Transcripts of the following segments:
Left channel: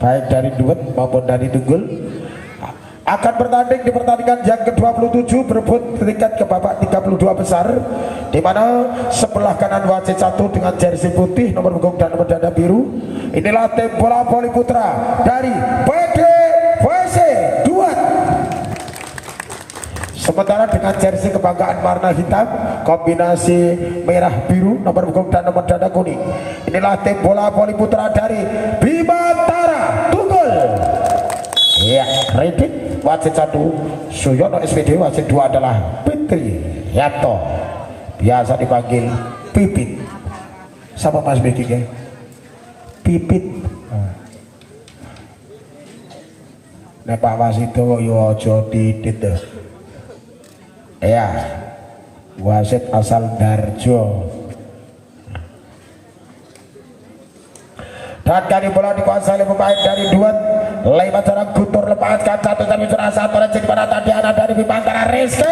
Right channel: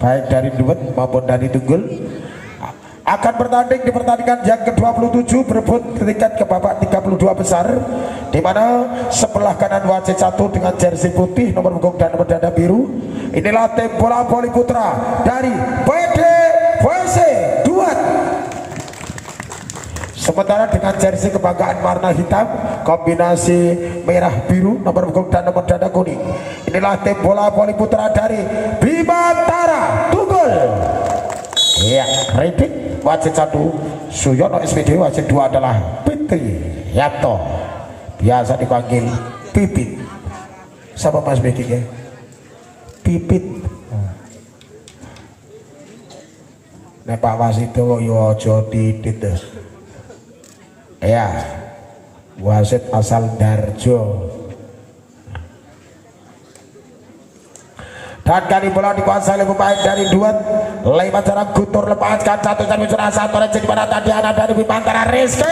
baik dari Duet maupun dari Tunggul akan bertanding di pertandingan yang ke-27 berebut tiket ke babak 32 besar, di mana sebelah kanan wasit 1 dengan jersey putih nomor punggung dan nomor dada biru. Inilah tim bola voli putra dari PDVC Duet. Sementara dengan jersey kebanggaan warna hitam kombinasi merah biru nomor punggung dan nomor dada kuning, inilah tim bola voli putra dari Bimantara Tunggul. Ya, Ridik wasit 1, Suyono SPD wasit 2 adalah Fitri Yanto, biasa dipanggil Pipit. Sama Mas Beki ya? Pipit. Nek Pak wasit itu yo aja titit deh. Ya, wasit asal Darjo. Dan kali bola dikuasai oleh pemain dari Duet. Lewat jarak Guntur lepaskan satu di mana tadi anak dari Bimantara Rizky.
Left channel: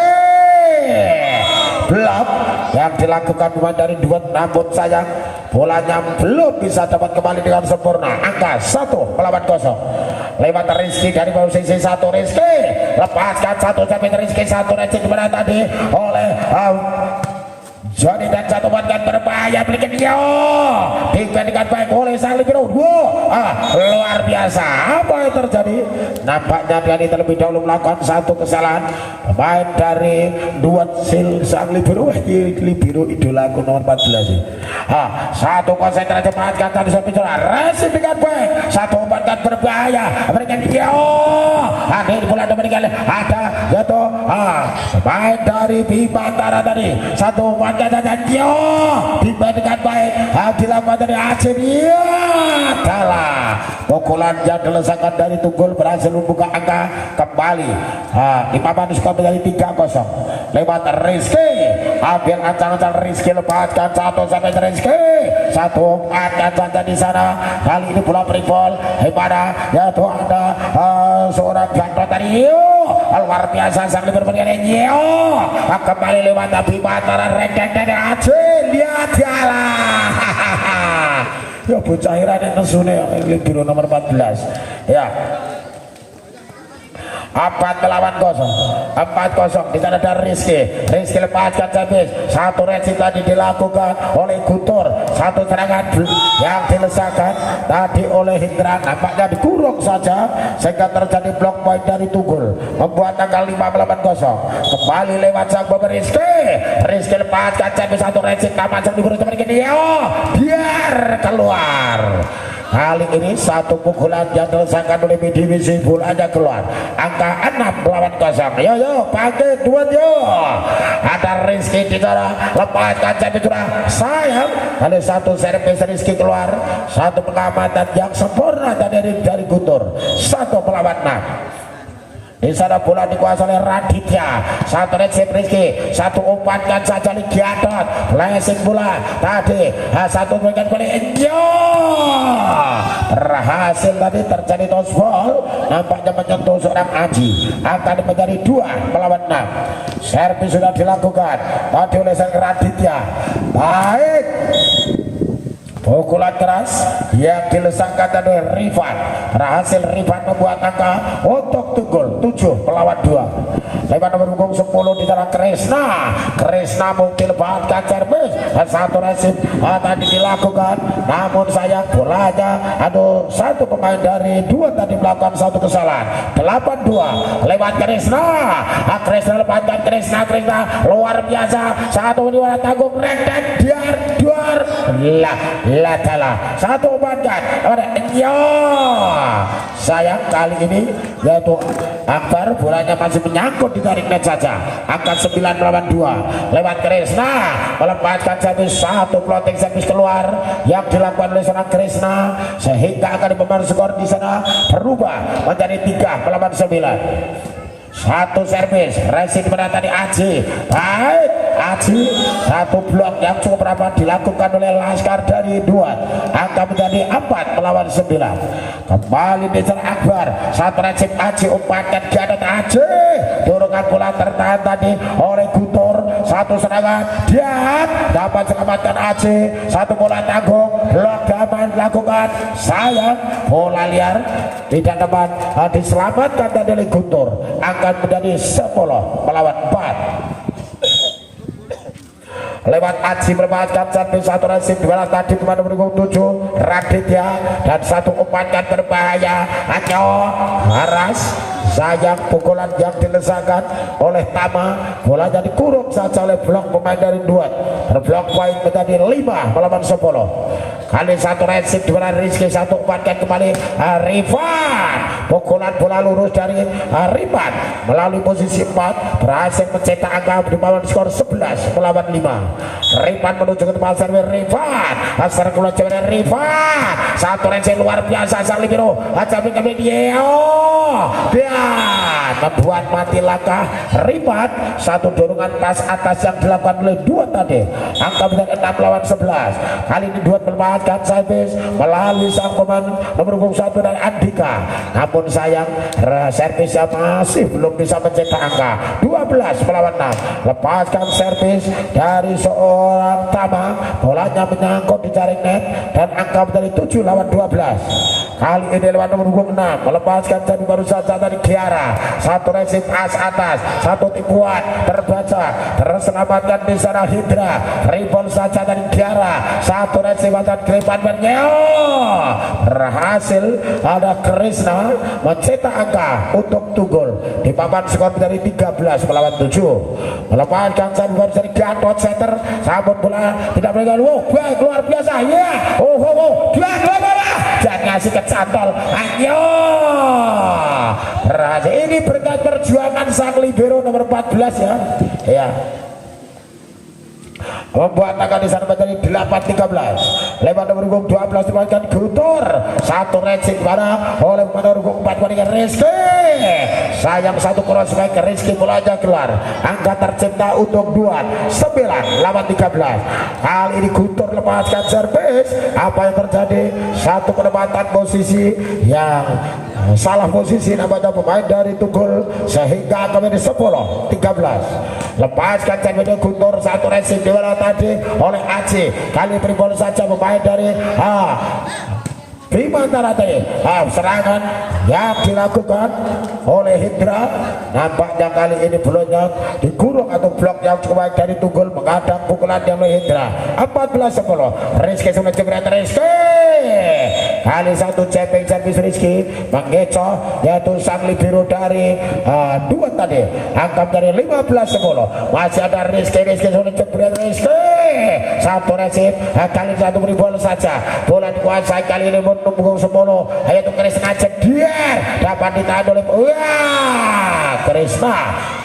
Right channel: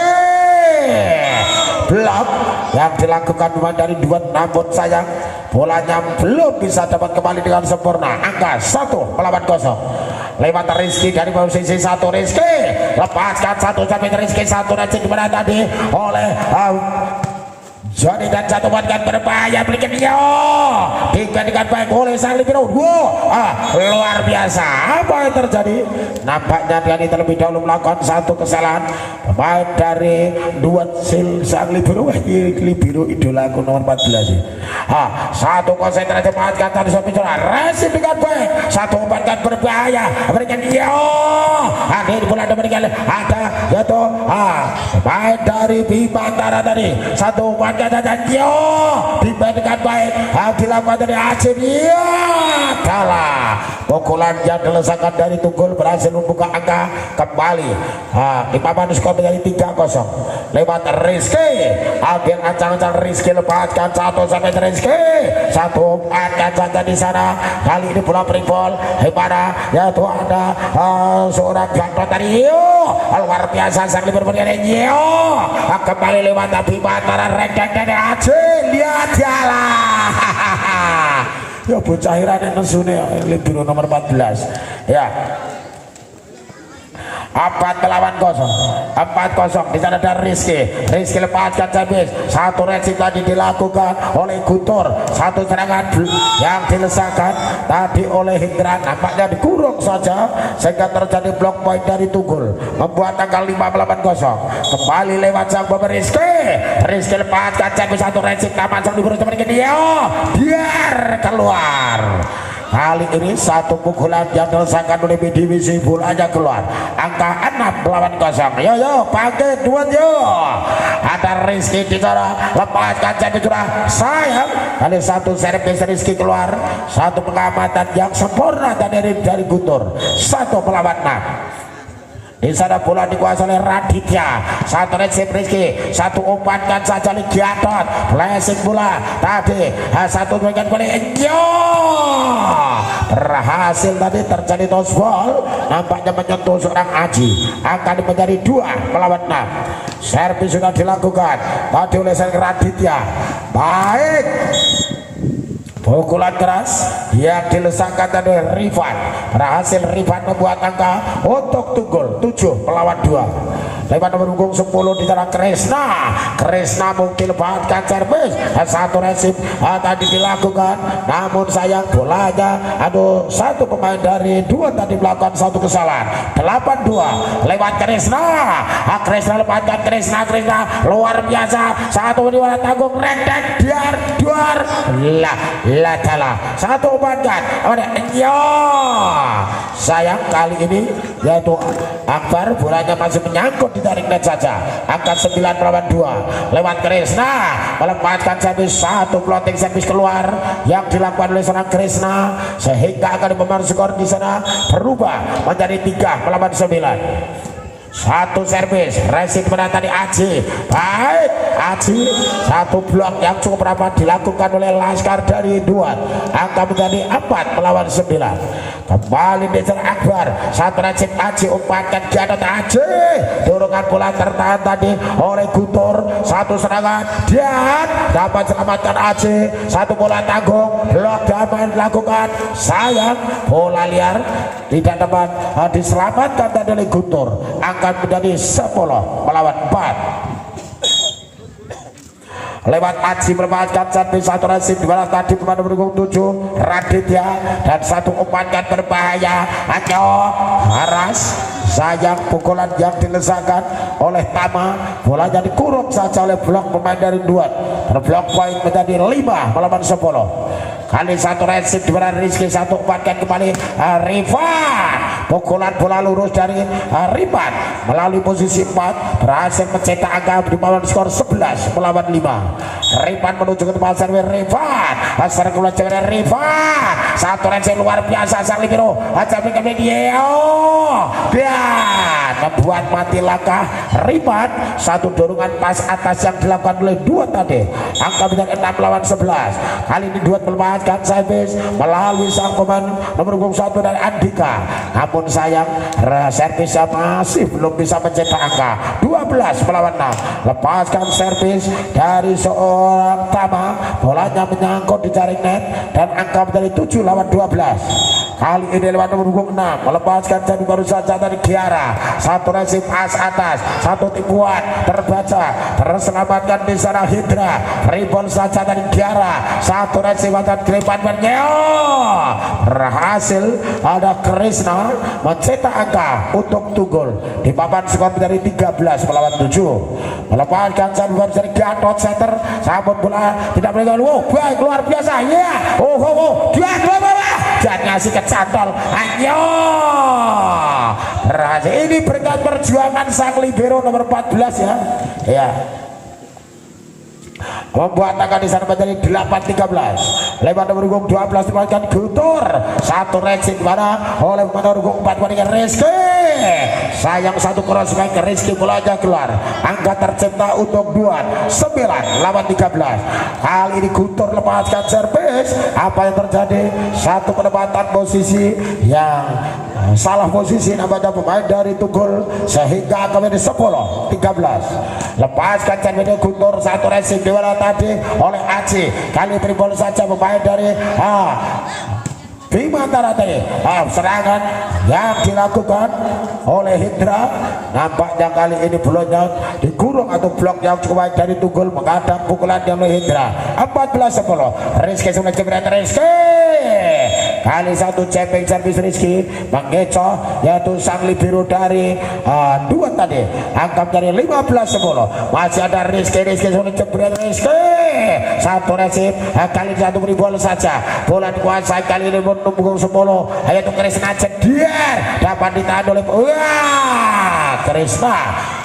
Blok yang dilakukan pemain dari Duet, namun sayang bolanya belum bisa dapat kembali dengan sempurna. Angka 1-0 lewat Rizky dari posisi 1. Rizky lepaskan satu sampai Rizky di mana tadi oleh Joni dan satu kan berbahaya belikan dia dengan baik oleh sang libero. Luar biasa apa yang terjadi. Nampaknya dia ini terlebih dahulu melakukan satu kesalahan. Pemain dari Duet sang libero idolaku nomor 14. Satu konsentrasi lepaskan tadi sampai resip dengan baik. Satu umpan berbahaya berikan dia di bola diberikan ada jatuh pemain dari Bimantara tadi. Satu umpan dan dibandingkan baik dilakukan dari Aceh. Kalah. Pukulan yang dilesakan dari Tunggul berhasil membuka angka kembali. Di papan skor menjadi 3-0 lewat Rizky. Agen ancang-ancang Rizky lepaskan satu sampai Rizky. Satu umpan saja di sana. Kali ini bola free-ball mana yaitu ada seorang jantan tadi. Luar biasa sang libero kembali lewat Bimantara Rengkeng dari Aceh. Lihat jalan. Ya bocah irane nesune libero nomor 14. Ya. 4-0 di sana ada Rizky lepaskan servis. Satu reaksi tadi dilakukan oleh Guntur. Satu serangan yang dilesakan tadi oleh Hendra, nampaknya dikurung saja sehingga terjadi blok poin dari Tunggul, membuat angka 5-0. Kembali lewat sang bomber Rizky lepaskan servis. Satu reaksi taman sang dikurung seperti dia biar keluar. Kali ini satu pukulan yang dilesakan oleh BDWC, bolanya keluar. Angka 6-0. Yo pakai Duet yo. Ada Rizky di sana lepaskan servis curang. Sayang ada satu servis Rizky keluar. Satu pengamatan yang sempurna dari Guntur. 1-6. Di sana bola dikuasai oleh Raditya. Satu resip Rizky, satu umpankan saja Ligiaton. Flashing bola tadi. Satu berikan kembali. Berhasil tadi terjadi toss ball. Nampaknya menyentuh seorang Aji. Akan menjadi 2-6. Servis sudah dilakukan tadi oleh sang Raditya. Baik. Pukulan keras yang dilesangkan oleh Rifan. Berhasil Rifan membuat angka untuk Tunggul 7-2. Lewat nomor punggung 10 di sana Kresna mungkin lepaskan servis. Satu resip tadi dilakukan, namun sayang bolanya satu pemain dari Duet tadi melakukan satu kesalahan. 8-2 lewat Kresna lepaskan Kresna luar biasa. Satu ini tanggung Rengkeng duar lah satu umpankan sayang kali ini yaitu Akbar bolanya masih menyangkut di tarik net saja. Angka 9-2 lewat Kresna melepaskan servis. Satu floating servis keluar yang dilakukan oleh seorang Kresna sehingga akan mempengaruhi skor di sana berubah menjadi 3-9. Satu servis resip menata di Aji. Baik Aji. Satu blok yang cukup rapat dilakukan oleh Laskar dari Duat, angka menjadi 4 melawan 9. Kembali Nizar Akbar, satu Recep Aji umpankan ke atas Aji, dorongan bola tertahan tadi oleh Gutur. Satu serangan dia dapat selamatkan Aji, satu bola tanggung, blok dapat dilakukan, sayang bola liar tidak dapat diselamatkan tadi oleh Gutur, akan menjadi 10 melawan 4. Lewat Aji melepaskan satu Rasid di mana tadi pemain nomor 7 Raditya, dan satu umpankan berbahaya hanya Haras. Sayang pukulan yang dilesakan oleh Tama, bolanya dikurung saja oleh blok pemain dari Duat. Berblok poin menjadi 5 melawan 10. Kali satu Rasid di mana Rizky, satu umpankan kembali Rifan, pukulan bola lurus dari Rifan melalui posisi 4 berhasil mencetak angka di bawah skor 11 melawan 5. Rifan menuju ke tempat servis Rifan, asal keluar cewek Rifan, satu Rasid luar biasa sang libero tapi kemudian dia membuat mati langkah Rifan. Satu dorongan pas atas yang dilakukan oleh Duat tadi, angka menjadi 6 lawan 11. Kali ini Duat melepaskan servis melalui sang pemain nomor 21 dari Andika, namun sayang servisnya masih belum bisa mencetak angka 12 melawan 6. Lepaskan servis dari seorang Tama, bolanya menyangkut di jaring net dan angka menjadi 7 lawan 12. Kali ini lewat nomor 6 melepaskan servis baru saja dari Kiara, satu Resim atas, satu tipuan terbaca, terselamatkan di sana Hidra, rebound saja dari Kiara, satu Resim atas Gripan berhasil ada Krishna mencetak angka untuk Tunggul di papan skor menjadi 13 melawan 7. Melepaskan servis dari Gatot Center, sabut bola tidak boleh baik luar biasa ya. Dia dan ngasih kecantol ayo Raja. Ini berkat perjuangan sang libero nomor 14 ya membuat angka di sana menjadi 8-13. Lewat nomor 12 dimakan Gutur, satu Rexit mana oleh nomor 4 Rizky. Sayang satu crossback Rizky, bolanya keluar, angka tercipta untuk Duat 9 lawan 13. Kali ini Gutur lepaskan servis, apa yang terjadi? Satu penempatan posisi yang salah posisi namanya pemain dari Tunggul sehingga akan menjadi 10-13. Lepaskan servis Gutur, satu Rizky di mana tadi oleh Aji, kali tribol saja pemain dari Bimantara tadi. Serangan yang dilakukan oleh Hidra, nampaknya kali ini bolanya dikurung atau blok yang cukup baik dari Tunggul menghadang pukulan yang oleh Hidra. 14-10. Rizky sudah jebret Rizky. Kali satu cepping servis Rizky mengecoh yaitu sang libero dari Duat tadi, angkat dari 15-10. Masih ada Rizky sudah jebret Rizky, satu resip kali satu beri bola saja, bola dikuasai kali ini menunggu 10 yaitu Krishna Jedier, dapat ditahan oleh Krishna.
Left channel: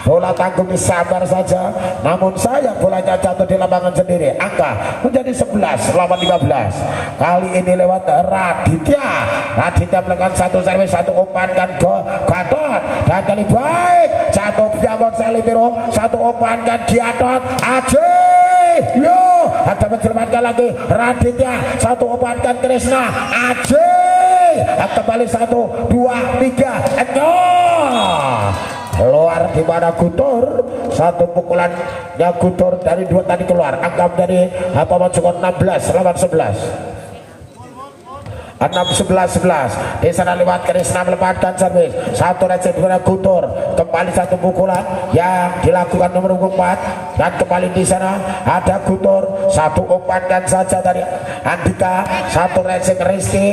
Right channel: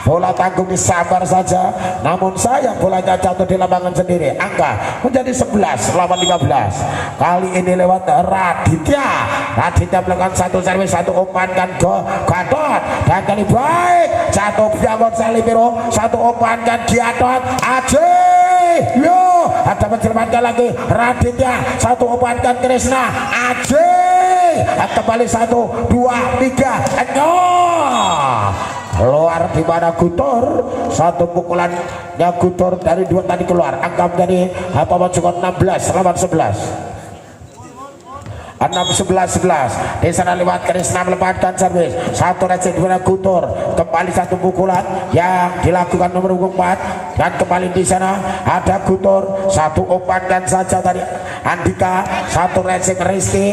Bola tanggung sabar saja, namun sayang bolanya jatuh di lapangan sendiri, angka menjadi 11 lawan 15. Kali ini lewat Raditya melakukan satu servis, satu umpankan Gatot, dan kali baik jatuh Biangon Salibiro, satu umpankan Gatot Aji. Ada menyelamatkan lagi Raditya, satu umpankan Krishna Aji, kembali 1, 2, 3 keluar di mana Gutur, satu pukulannya Gutur dari Duat tadi keluar, angka dari cukup 16 lawan 11. 6-11 di sana lewat Krishna melepaskan servis, satu Recep dari Gutur, kembali satu pukulan yang dilakukan nomor 4 dan kembali di sana ada Gutur, satu umpan saja dari Andika, satu Recep Rizky,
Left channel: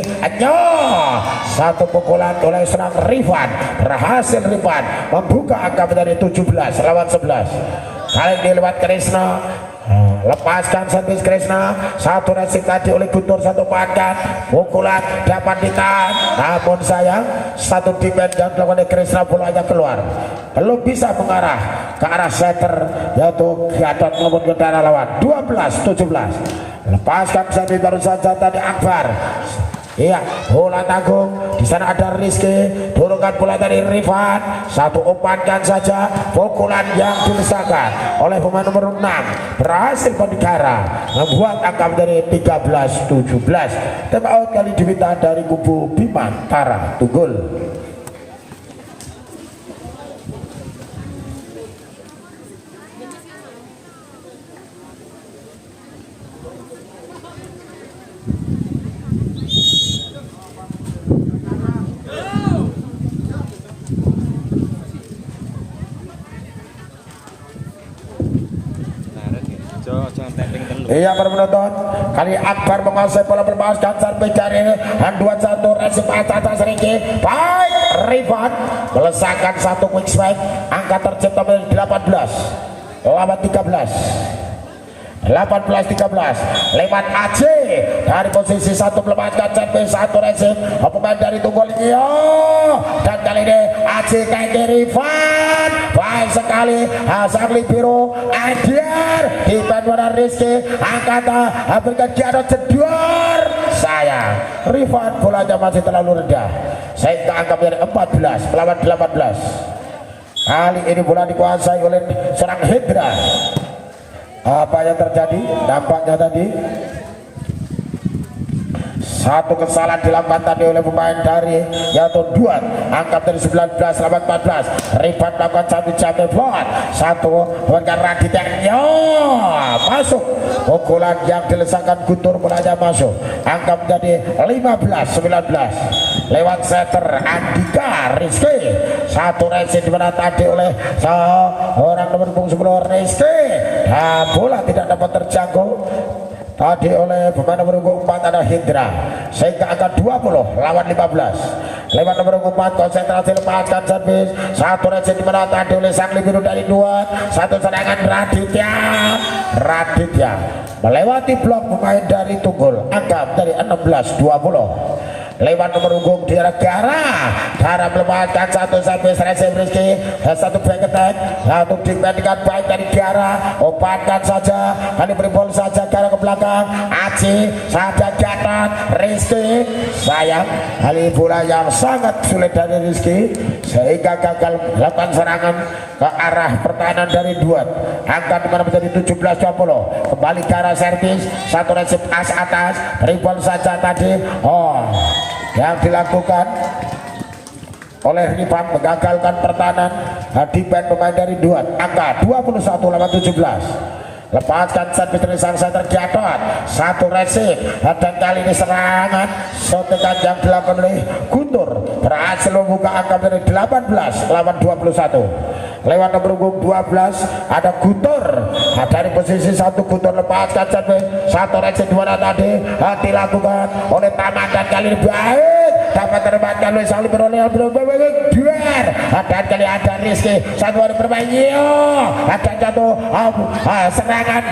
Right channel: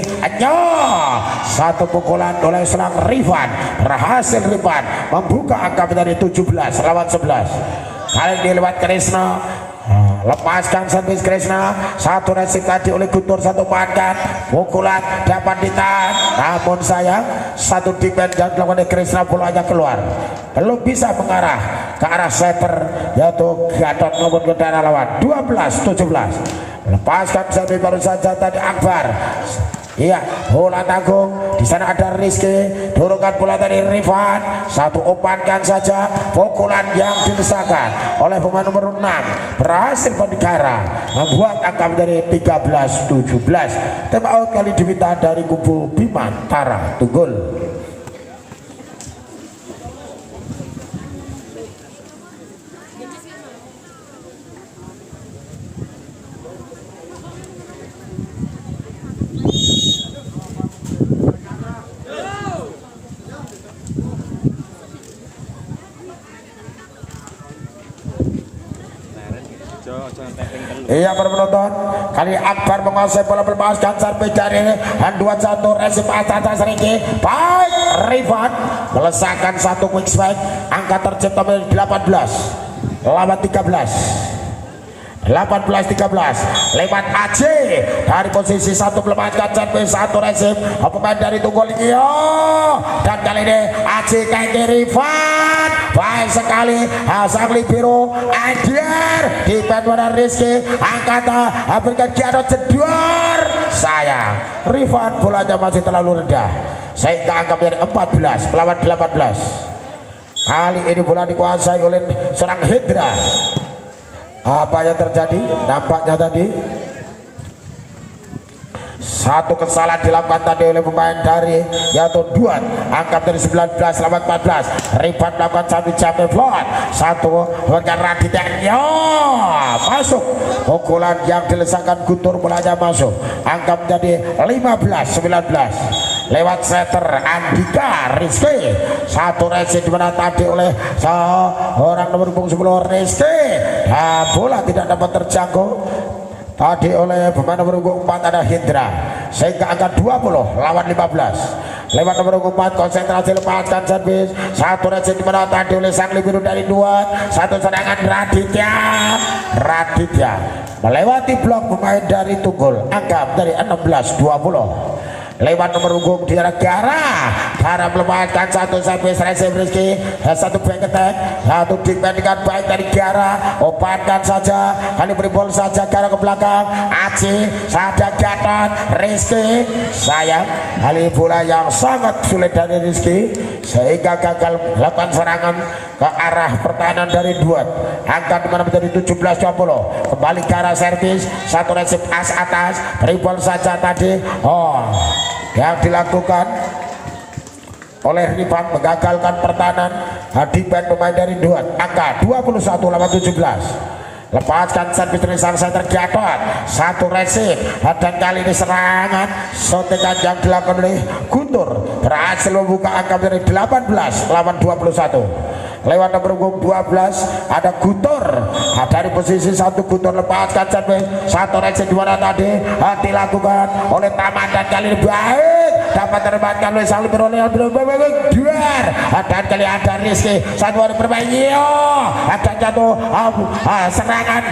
satu pukulan oleh serang Rifan, berhasil Rifan membuka angka menjadi 17 lawan 11. Kali ini lewat Krishna, lepaskan servis Krishna, satu resip tadi oleh Gutur, satu pandan pukulan dapat ditahan, namun sayang satu defense yang dilakukan oleh Krishna, bolanya keluar, belum bisa mengarah ke arah setter yaitu Gatot maupun ke daerah lawan. 12-17. Lepaskan servis baru saja tadi Akbar. Iya, bola tanggung di sana ada Rizky, turunkan bola dari Rifan, satu umpankan saja, pukulan yang dilesakan oleh pemain nomor 6 berhasil Bandikara membuat angka dari 13-17. Time out kali diminta dari kubu Bimantara Tunggul. Iya para penonton, kali Akbar menguasai bola melepaskan sampai dari handuan satu resip atas Ringki. Baik Rifan melesakkan satu quick strike, angka tercipta menjadi 18 lawan 13 lewat AC dari posisi satu melepaskan sampai satu resip pemain dari Tunggul dan kali ini AC kaki Rifan baik sekali Hasangli biru Andiar di Bandara Rizky angkat berikan Jarod jedor sayang Rifan bolanya masih terlalu rendah sehingga angka menjadi 14 melawan 18. Kali ini bola dikuasai oleh seorang Hendra. Apa yang terjadi nampaknya tadi satu kesalahan dilakukan tadi oleh pemain dari yaitu Duan, angkat dari 19 lawan 14. Rifan melakukan satu jump shot, satu dengan Raditya masuk, pukulan yang dilesakan Guntur bolanya masuk, angka menjadi 15-19 lewat setter Andika Rizky. Satu resip dimana tadi oleh seorang nomor 10 Rizky, nah, bola tidak dapat terjangkau tadi oleh pemain nomor 4 ada Hendra sehingga angka 20 lawan 15 lewat nomor 4 konsentrasi lepaskan servis satu resip dimana tadi oleh sang biru dari 2 satu serangan Raditya melewati blok pemain dari Tunggul angka dari 16-20 lewat nomor punggung di Gara melepaskan satu servis resip Rizky satu back attack satu dibandingkan baik dari Gara obatkan saja kali beri bola saja Gara ke belakang Aci saja Gatot Rizky sayang kali bola yang sangat sulit dari Rizky sehingga gagal melakukan serangan ke arah pertahanan dari Duat angka dimana menjadi 17-20 kembali Gara servis satu resip atas beri bola saja tadi yang dilakukan oleh Rifan mengagalkan pertahanan Hadiban pemain dari Duat angka 21 lawan 17 lepaskan servis dari sang center Gatot satu resip dan kali ini serangan sotekan yang dilakukan oleh Guntur berhasil membuka angka dari 18 lawan 21 lewat nomor 12 ada Guntur dari posisi satu Guntur lepaskan servis satu resip dua tadi dilakukan oleh Taman dan kali ini baik dapat terbangkan oleh sang libero duar dan kali ada Rizky satu hari perbaiki ada jatuh serangan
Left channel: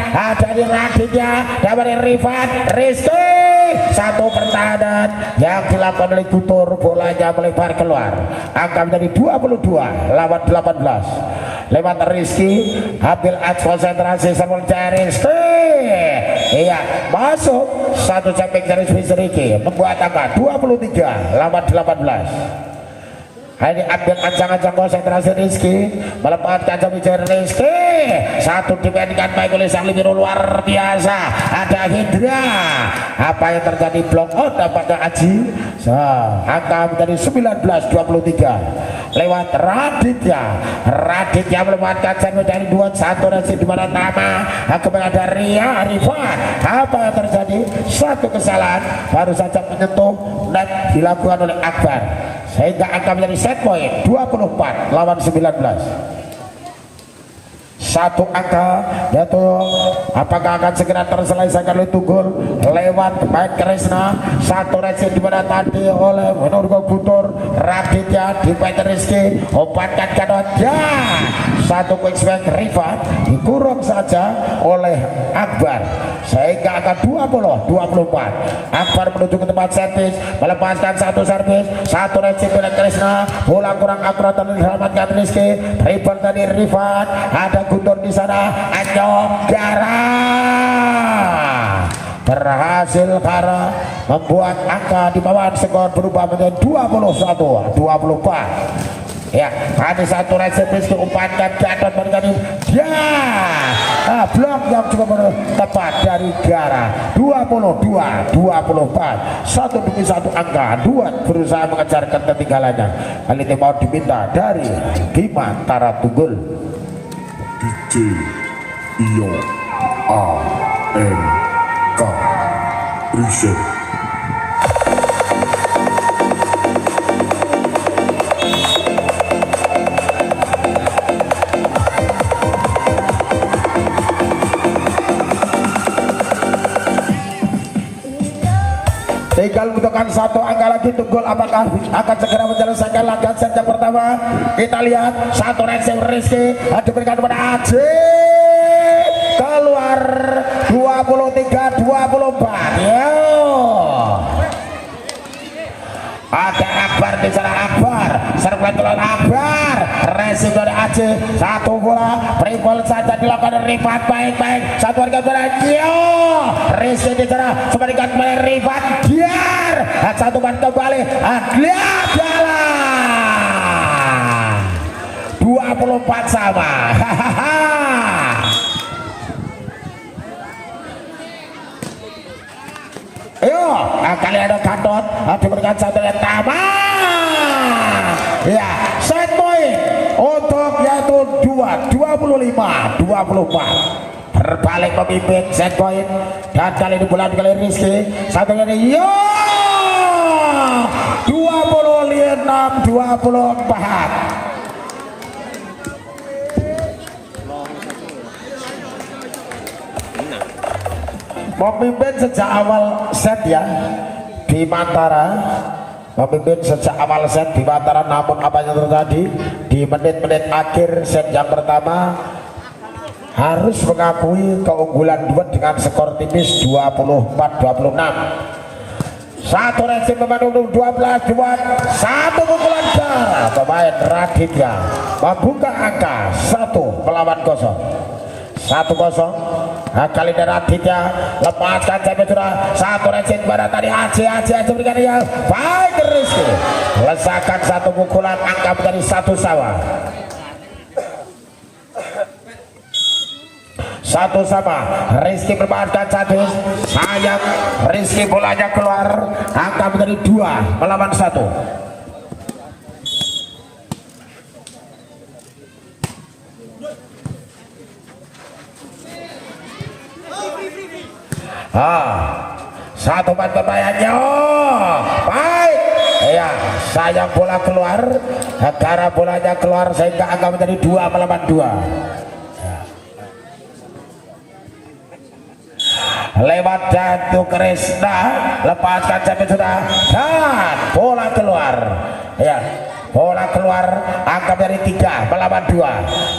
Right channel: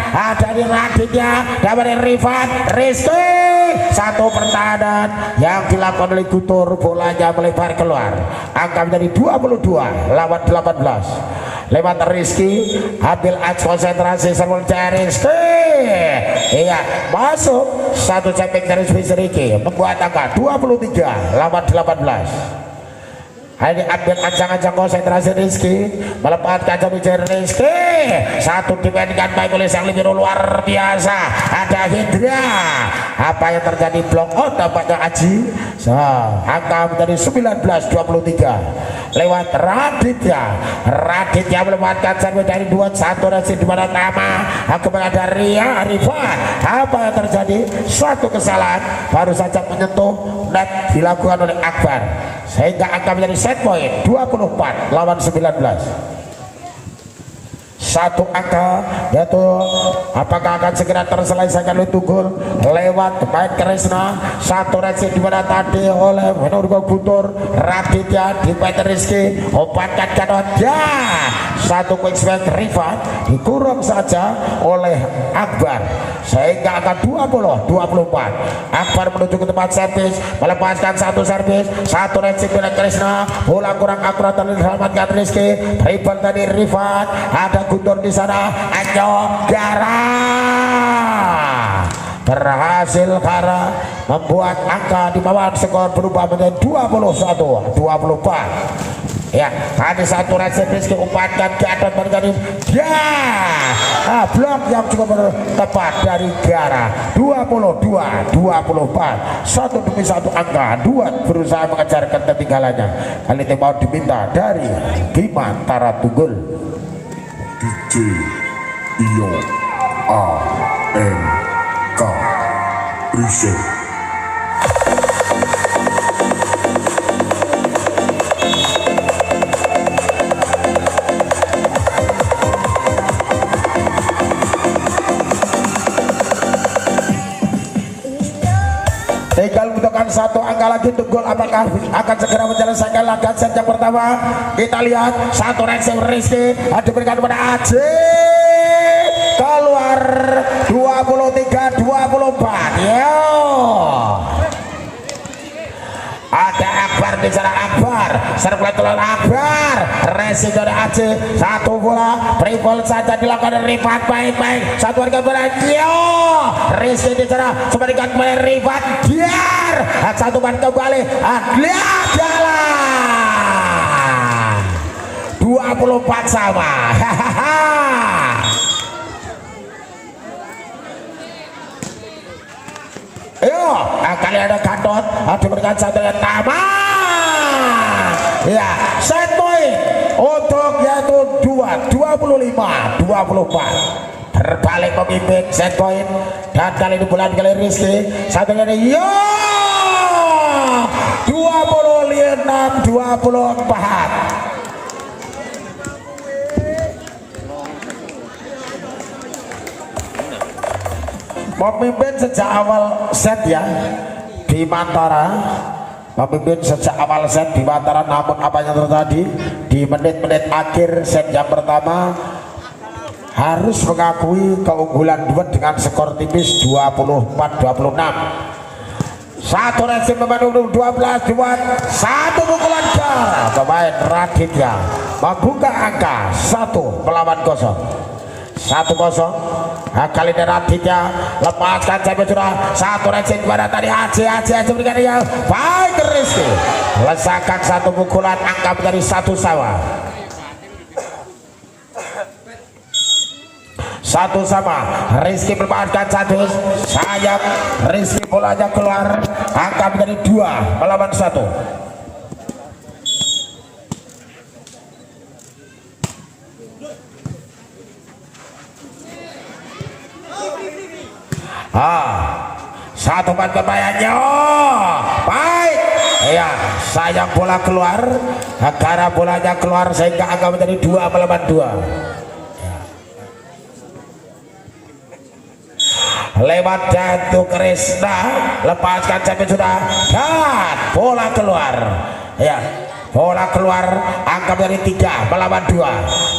dari Raditya dari Rifan Rizky satu pertahanan yang dilakukan oleh Guntur bolanya melebar keluar angka menjadi 22 lawan 18 lewat Rizky ambil konsentrasi servis dari Rizky iya masuk satu cetek dari Rizky membuat angka 23 lawan 18 ini ambil ancang-ancang konsentrasi Rizky melepaskan kebijakan Rizky satu dibandingkan baik oleh sang libero luar biasa ada Hendra apa yang terjadi blok out dampaknya Aji angka menjadi 19-23 lewat Raditya melepaskan sampai dari 21 resip di mana Tama kepada Ria Rifan apa yang terjadi satu kesalahan baru saja menyentuh net dilakukan oleh Akbar sehingga angka menjadi set point 24 lawan 19 satu angka yaitu apakah akan segera terselesaikan oleh Tunggul lewat baik Kresna satu resip dimana tadi oleh menurut Guntur Raditya di Peter Rizky obatkan Gatot satu quick strike Rifan dikurung saja oleh Akbar sehingga angka 20-24 Akbar menuju ke tempat servis melepaskan satu servis satu resip dengan Kresna bola kurang akurat dan diselamatkan Rizky rebound dari Rifan ada Guntur di sana Anjo Gara berhasil Gara membuat angka di bawah skor berubah menjadi 21-24. Ya, ada satu resepis diumpankan ke atas menjadi blok yang cukup tepat dari Tiara. 22-24, satu demi satu angka. Dua berusaha mengejar ketertinggalannya. Kali ini mau diminta dari Bima Tara Tunggul. DJ Iyo AMK Reset. Tinggal membutuhkan satu angka lagi. Tunggul apakah akan segera menyelesaikan laga set yang pertama? Kita lihat satu reaksi Rizky diberikan kepada Aji, keluar 23-24. Yo, ada Akbar di sana. Akbar serbuan keluar Akbar, racing dari Aji, satu bola berikul saja dilakukan Rifat. Baik-baik satu warga bola. Yo, Rizky di sana seberikan kembali Rifat. Biar satu ban kembali. Lihat jalan 24 sama. Yo, kali ada Gatot diberikan satu yang tamat. Ya, set point untuk yaitu 25-24. Berbalik memimpin set point, dan kali ini bulan kali Rizky satunya ini yo 26-24. Memimpin sejak awal set ya di Mantara, memimpin sejak awal set di Mantara. Namun apa yang terjadi di menit-menit akhir set yang pertama, harus mengakui keunggulan duet dengan skor tipis 24-26. Satu reaksi pemain 12 buat satu pukulan jar pemain Raditya membuka angka 1-0. 1-0. Kali ini Raditya lepaskan sampai sudah satu reaksi pada tadi Aji berikan dia baik Rizky lesakan satu pukulan, angka menjadi 1 sama. 1 sama. Rizky bermainkan satu, sayang Rizky bolanya keluar, angka menjadi 2-1. Satu ban kebayanya baik ya, sayang bola keluar karena bolanya keluar sehingga angka menjadi 2-2. Lewat jatuh Krisna, lepaskan sampai sudah, dan bola keluar ya, bola keluar, angka dari 3-2.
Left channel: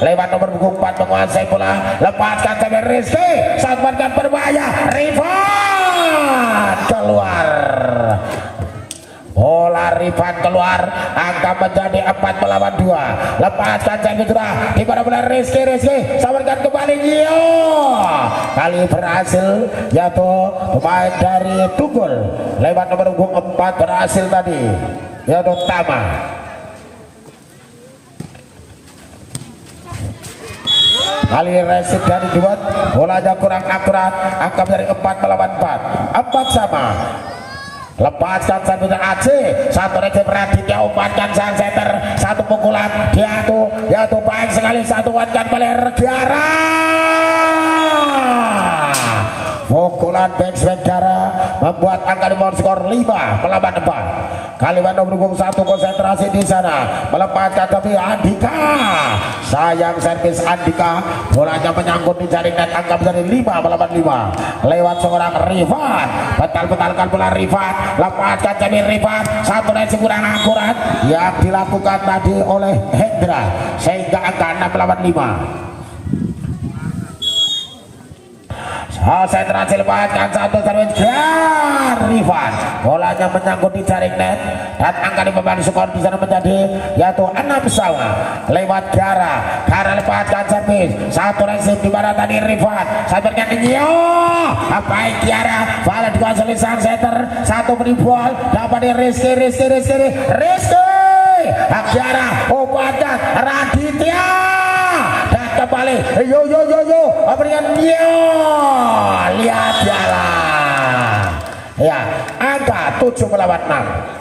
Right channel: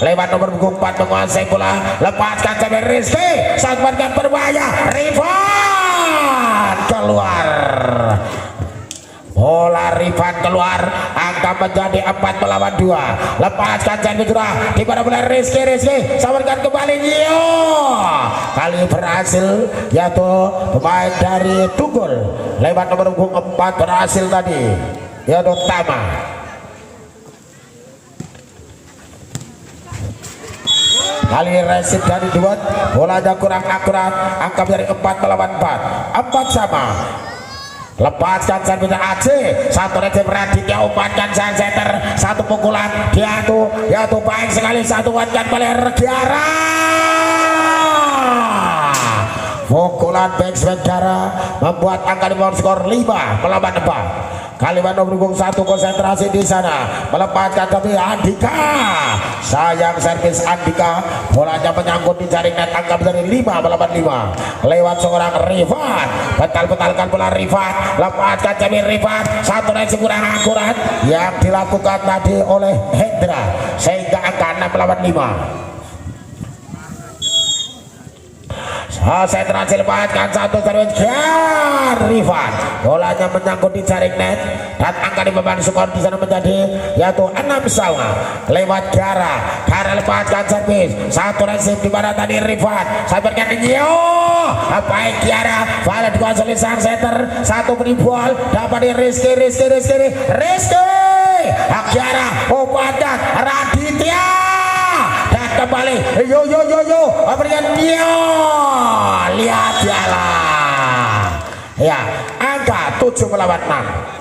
Lewat nomor punggung 4 menguasai bola, lepaskan sampai Rizky, saat makan berbahaya, Rifan keluar, bola Rifan keluar, angka menjadi 4-2. Lepaskan sampai sudah, di mana bola Rizky sawarkan kembali. Yo, kali berhasil yaitu pemain dari Tunggul lewat nomor punggung 4 berhasil tadi yaitu Tama. Kali resip dari duet, bolanya kurang akurat, angka dari 4-4, 4 sama. Lepaskan sampai Aceh, satu resip Raditya umpankan sang center, satu pukulan dia tuh baik sekali, satu umpankan oleh Regiara. Pukulan back Segara membuat angka di bawah skor 5-4. Kalimantan berhubung satu, konsentrasi di sana, melepaskan tapi Andika, sayang servis Andika, bolanya menyangkut di jaring net, angka dari 5-5 lewat seorang Rifat, betal-betalkan bola Rifat, lepaskan tapi Rifat, satu reaksi kurang akurat yang dilakukan tadi oleh Hendra sehingga angka 6-5. Konsentrasi lepaskan satu servis Rifat, bolanya menyangkut di jaring net dan angka di beban skor di sana menjadi yaitu 6 sama. Lewat Gara lepaskan servis, satu reaksi di mana tadi Rifat sabarkan yo baik Tiara, pada dikuasai dari sang setter, satu penibol dapat Rizky Akyara Upadat Raditya dan kembali yo berikan dia lihat ya angka 7 melawan 6.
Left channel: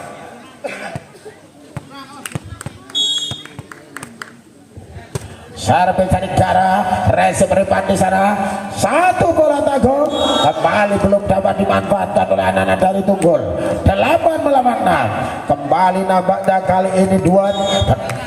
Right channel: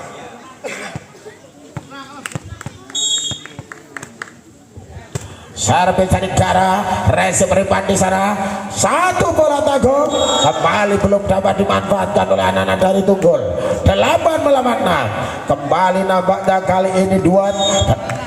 Servis dari Gara, resip Ripan di sana, satu bola tanggung kembali belum dapat dimanfaatkan oleh anak-anak dari Tunggul. 8 melawan 6. Kembali nampaknya kali ini Duan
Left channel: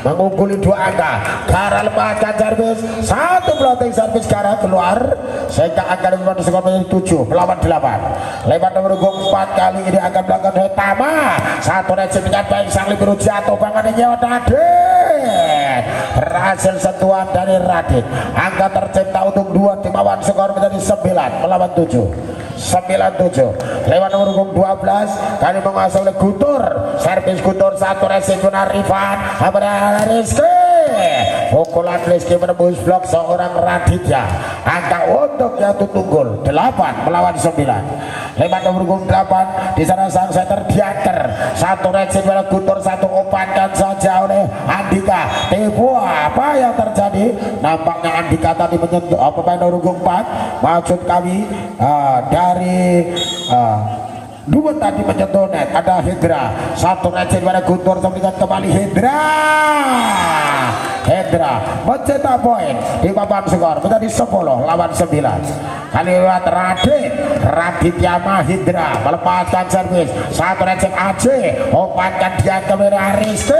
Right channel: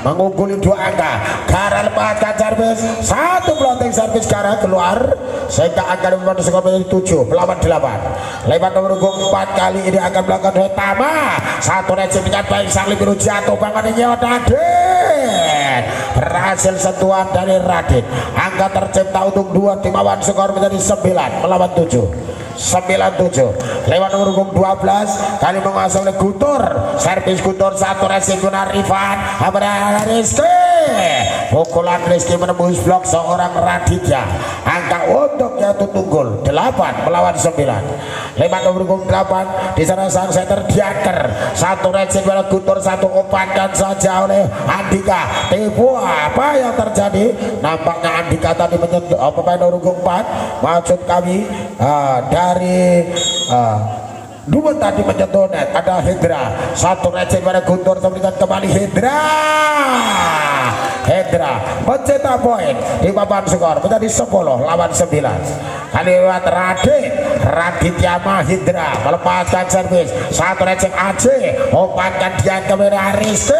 mengungguli 2 angka. Gara lepaskan servis, satu floating servis Gara keluar sehingga angka dimulai skor menjadi 7 melawan 8. Lewat nomor 4 kali ini akan melakukan Hetama, satu resip dengan baik sang Libiru jatuh bangunnya Radit. Berhasil sentuhan dari Radit. Angka tercipta untuk 2 tim awan skor menjadi 9 melawan 7. 97 lewat nomor 12 kali menguasai oleh Gutur. Servis Gutur, satu resip guna Rifan Rizky. Pukulan Rizky menembus blok seorang Raditya. Angka untuk jatuh Tunggul 8 melawan 9. Lewat nomor 8 di sana sang setter Diaker, satu resip oleh Gutur, satu umpankan saja oleh Andika. Tipu apa yang terjadi? Nampaknya Andika tadi menyentuh pemain nomor 4 maksud kami dari dua tadi menyentuh net. Ada Hendra, satu resip pada Guntur, kemudian kembali Hendra mencetak poin di papan skor menjadi 10 lawan 9. Kali lewat Raditya Mahindra melepaskan servis, satu resip Aceh umpankan dia kemudian Rizky.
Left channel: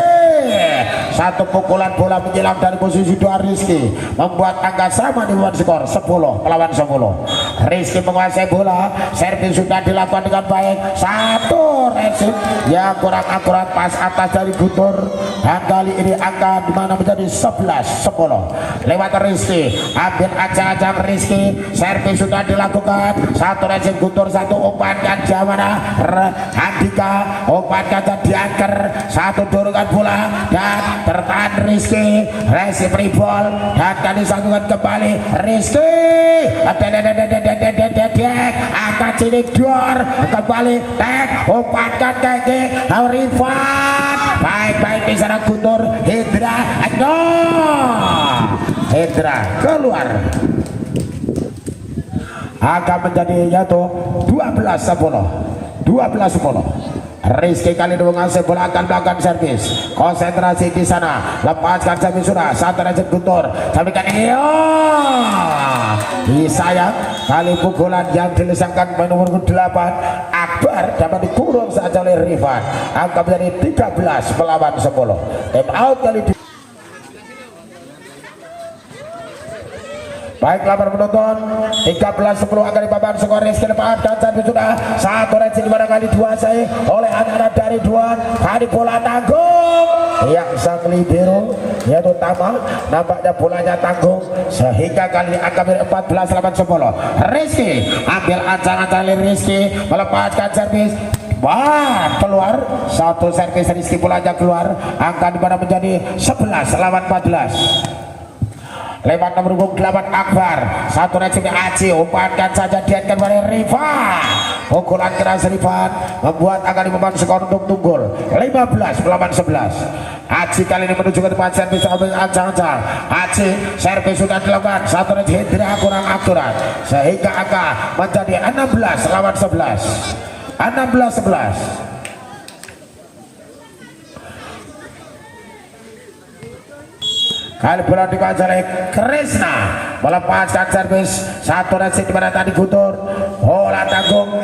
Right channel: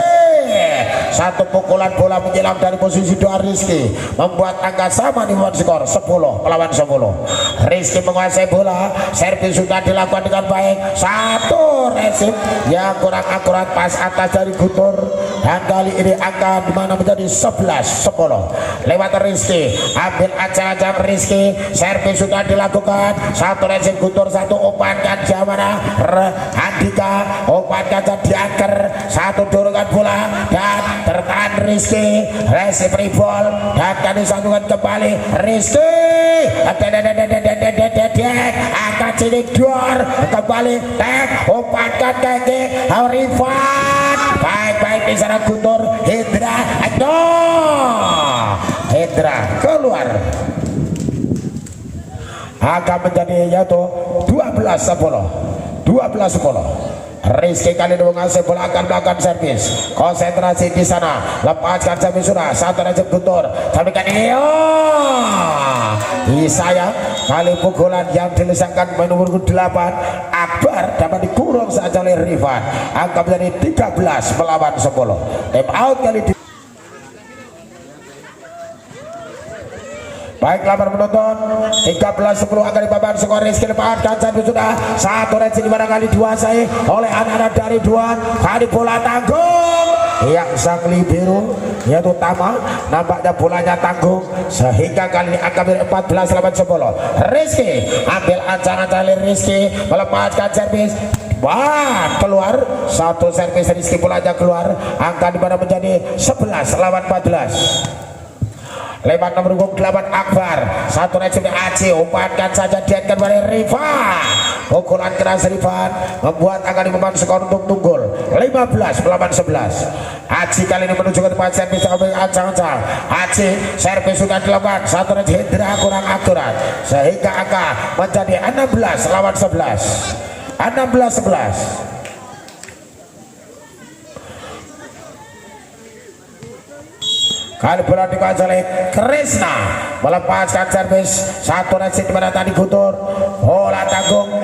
Satu pukulan bola menjelang dari posisi 2 Rizky membuat angka sama di papan skor 10 melawan 10. Rizky menguasai bola, servis sudah dilakukan dengan baik, satu resip yang kurang akurat pas atas dari Guntur, dan kali ini angka dimana menjadi 11-10. Lewat Rizky, ambil acak-acak Rizky, servis sudah dilakukan, satu resip Guntur, satu umpankan Jamana Andika, umpankan Diaker, satu dorongan bola dan tertahan Rizky, resip ribol dan tadi sambungan kembali Rizky, angkat sini dor kembali tek, umpankan kaki Rifan, baik-baik di sana Guntur. Hendra keluar, akan menjadi jatuh 12-10. Rizky kali ini mengasih bola, akan melakukan servis, konsentrasi di sana, lepaskan servis sudah, satu resip Guntur, sampaikan Isaya kali pukulan yang dilesakan nomor 8 Akbar dapat dikurung saja oleh Rifan, angka menjadi 13 melawan 10. Time out kali di baiklah para penonton, 13-10 akan dipapan skor. Rizky lepaskan servis sudah, satu resip barangkali dikuasai oleh anak-anak dari Duan. Kali bola tanggung yang sang libero yaitu Tama, nampaknya bolanya tanggung sehingga kali ini angka 14 lawan 10. Rizky ambil ancang-ancang Rizky melepaskan servis, wah keluar, satu servis Rizky bolanya keluar, angka dimana menjadi 11 lawan 14. Lewat nomor 8 Akbar, satu resip Aceh, umpankan saja dia kembali Rifan, pukulan keras Rifan membuat angka di papan skor untuk Tunggul 15 melawan 11. Aceh kali ini menuju ke depan, servis ambil ancang-ancang Aceh, servis sudah dilakukan, satu resip Hendra kurang akurat sehingga angka menjadi 16 lawan 11. 16-11. Kali bola dikuasai oleh Krishna melepaskan servis, satu resip dimana tadi Guntur, bola tanggung.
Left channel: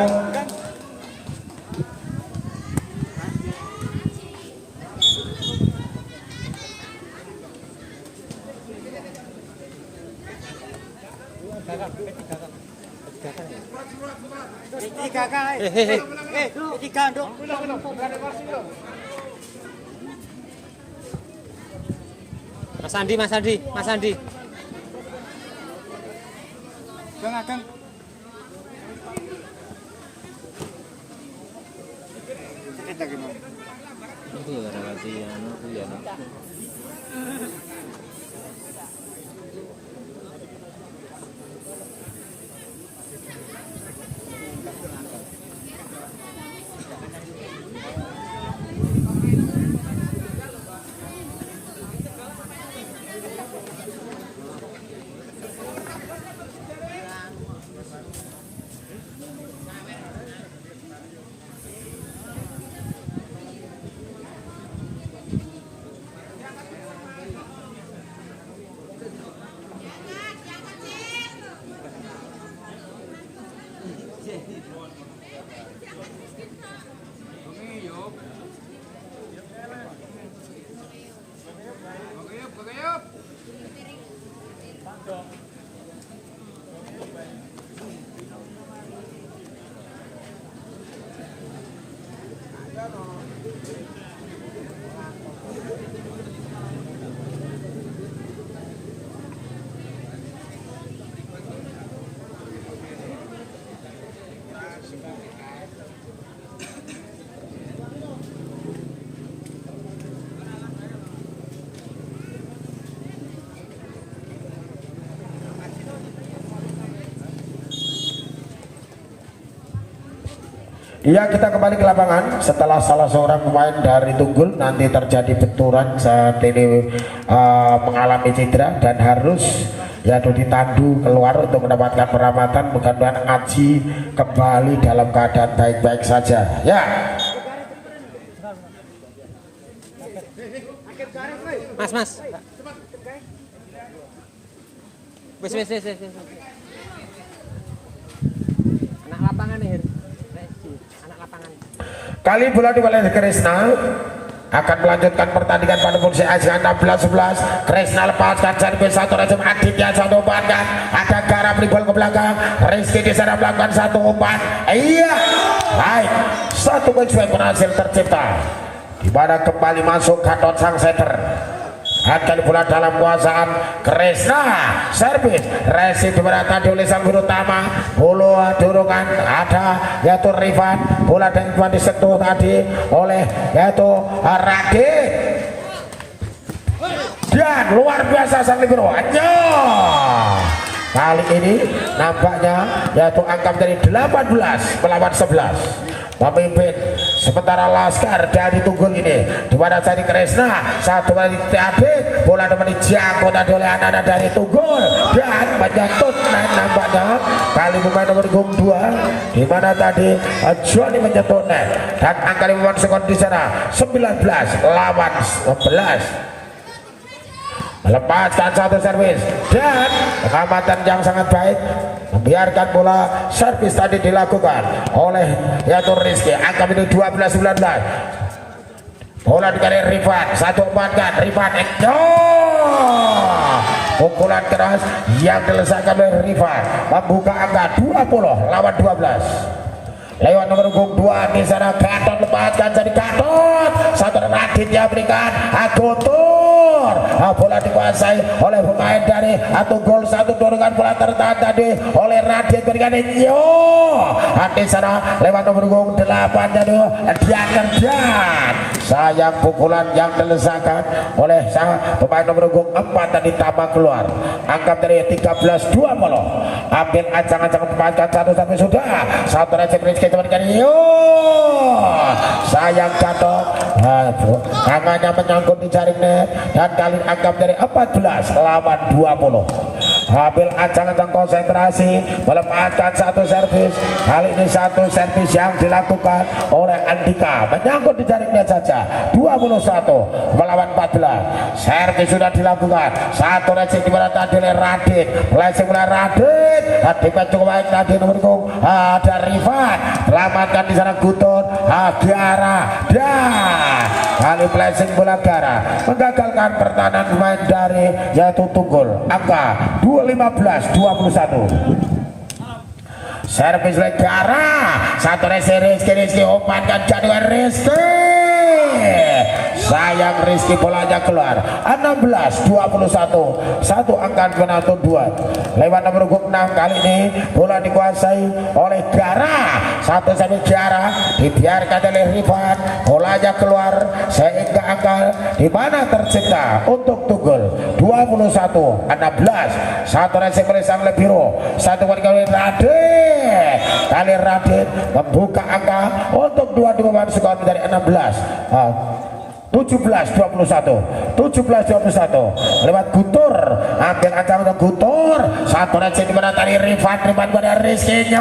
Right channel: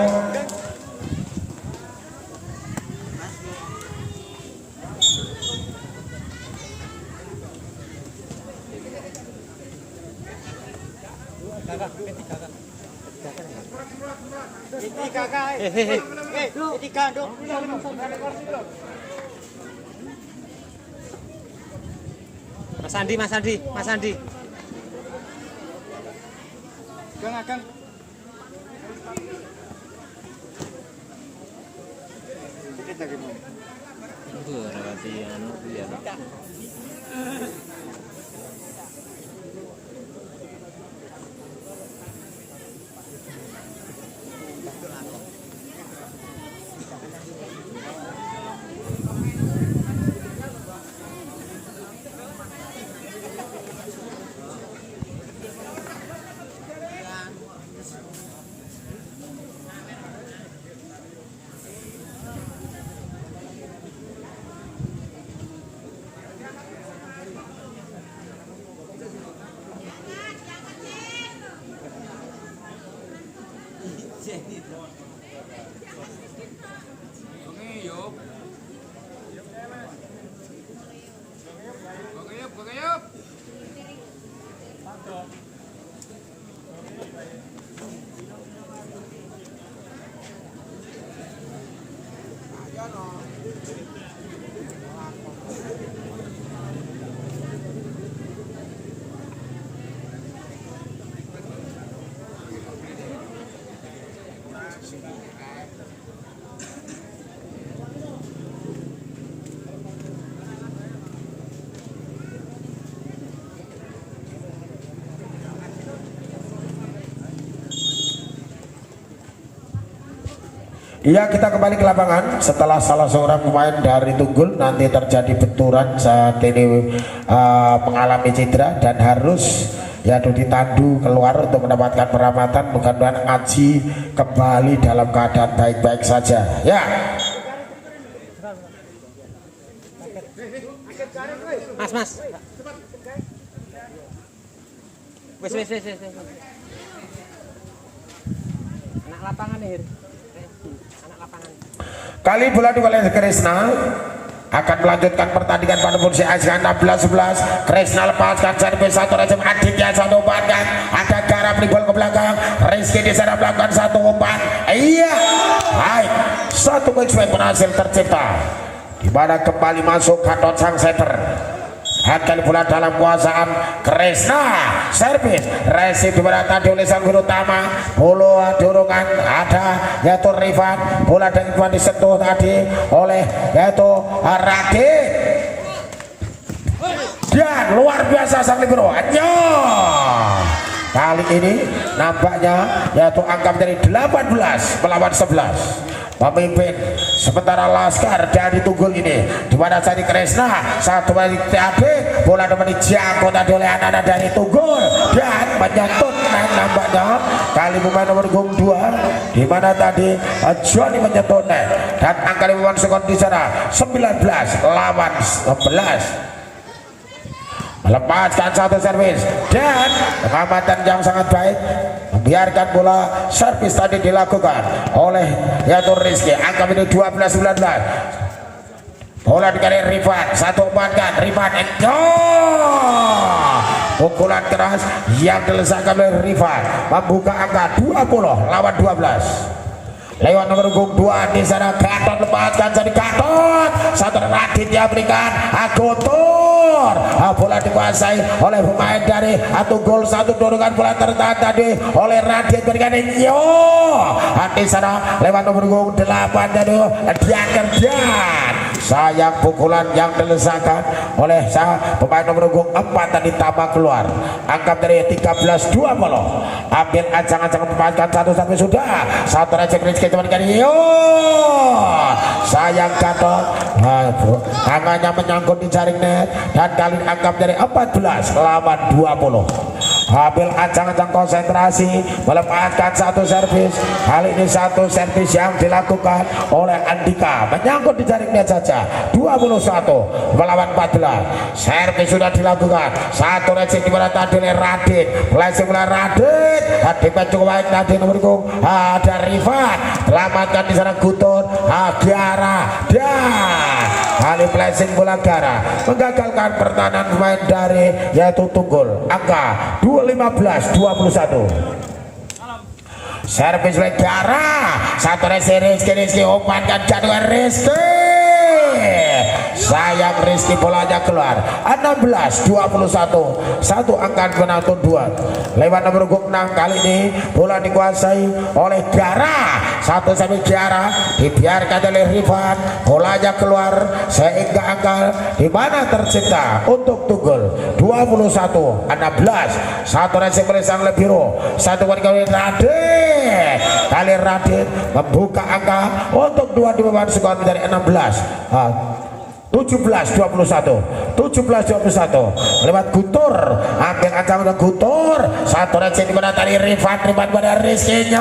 Mas Andi. Kang. Iya, kita kembali ke lapangan setelah salah seorang pemain dari Tunggul nanti terjadi benturan saat ini mengalami cedera dan harus yaitu ditandu keluar untuk mendapatkan perawatan. Mudah-mudahan Aji kembali dalam keadaan baik-baik saja ya. Mas. Wis. Anak lapangan nih. Anak lapangan. Kali bola oleh Kresna akan melanjutkan pertandingan pada posisi ASEAN 16-11. Kresna lepaskan servis satu rejim Aditya satu umpan dan ada Garap ribol ke belakang. Rizky di sana melakukan satu umpan. Iya, baik, satu back berhasil tercipta di mana kembali masuk Gatot sang setter. Akan bola dalam kuasaan Kresna, servis resip dimana tadi oleh sang guru utama. Bola dorongan ada yaitu Rifan, bola dengan kuat disentuh tadi oleh yaitu Radit dan luar biasa sang libero. Kali ini nampaknya yaitu angka menjadi 18 melawan 11. Pemimpin sementara Laskar dari Tunggul ini di mana dari Kresna satu kali Adit, bola dapat dijangkau tadi oleh anak-anak dari Tunggul dan menyangkut nampaknya kali pemain nomor 2 di mana tadi Johnny menyentuh net dan angka 5 skor di sana 19 lawan 11. Melepaskan satu servis dan pengamatan yang sangat baik membiarkan bola servis tadi dilakukan oleh yaitu Rizky. Angka ini 12-19. Bola dikali Rifan, satu umpankan Rifan, pukulan keras yang dilesakan oleh Rifan membuka angka 20 lawan 12. Lewat nomor 2 di sana Gatot lepaskan jadi Gatot satu Radit yang berikan Agotor. Bola dikuasai oleh pemain dari Tunggul, satu dorongan bola tertahan tadi oleh Radit berikan di sana lewat nomor 8 tadi dia kerjaan sayang pukulan yang dilesakan oleh pemain nomor 4 tadi tambah keluar angka dari 13-20. Ambil ancang-ancang pemain satu sudah satu recek Rizky teman kali sayang Gatot tangannya menyangkut di jaring net dan kali angka dari 14 lawan 20. Ambil ancang-ancang konsentrasi melepaskan satu servis. Kali ini satu servis yang dilakukan oleh Andika menyangkut di jaring net saja 21 melawan 14. Servis sudah dilakukan satu recek di mana tadi oleh Radit lesing bola Radit Radit cukup baik tadi nomor ada Rifan selamatkan di sana Guton Diara dan kali blessing bola Gara menggagalkan pertahanan pemain dari yaitu Tunggul angka 15-21. Servis oleh Gara satu Rizky umpankan jadwal Rizky sayang Rizky bolanya keluar 16-21 satu angka penalti 2 lewat nomor 6. Kali ini bola dikuasai oleh Gara satu sampai Gara dibiarkan oleh Rifan bolanya keluar sehingga angka di mana tercipta untuk Tunggul 21-16 satu resip oleh sang Lebiro satu kali Radit kali Radit membuka angka untuk 2 di bawah skor dari 17-21 lewat Gutur ambil ancang untuk Gutur satu receh di mana tadi Rifan pada Rizky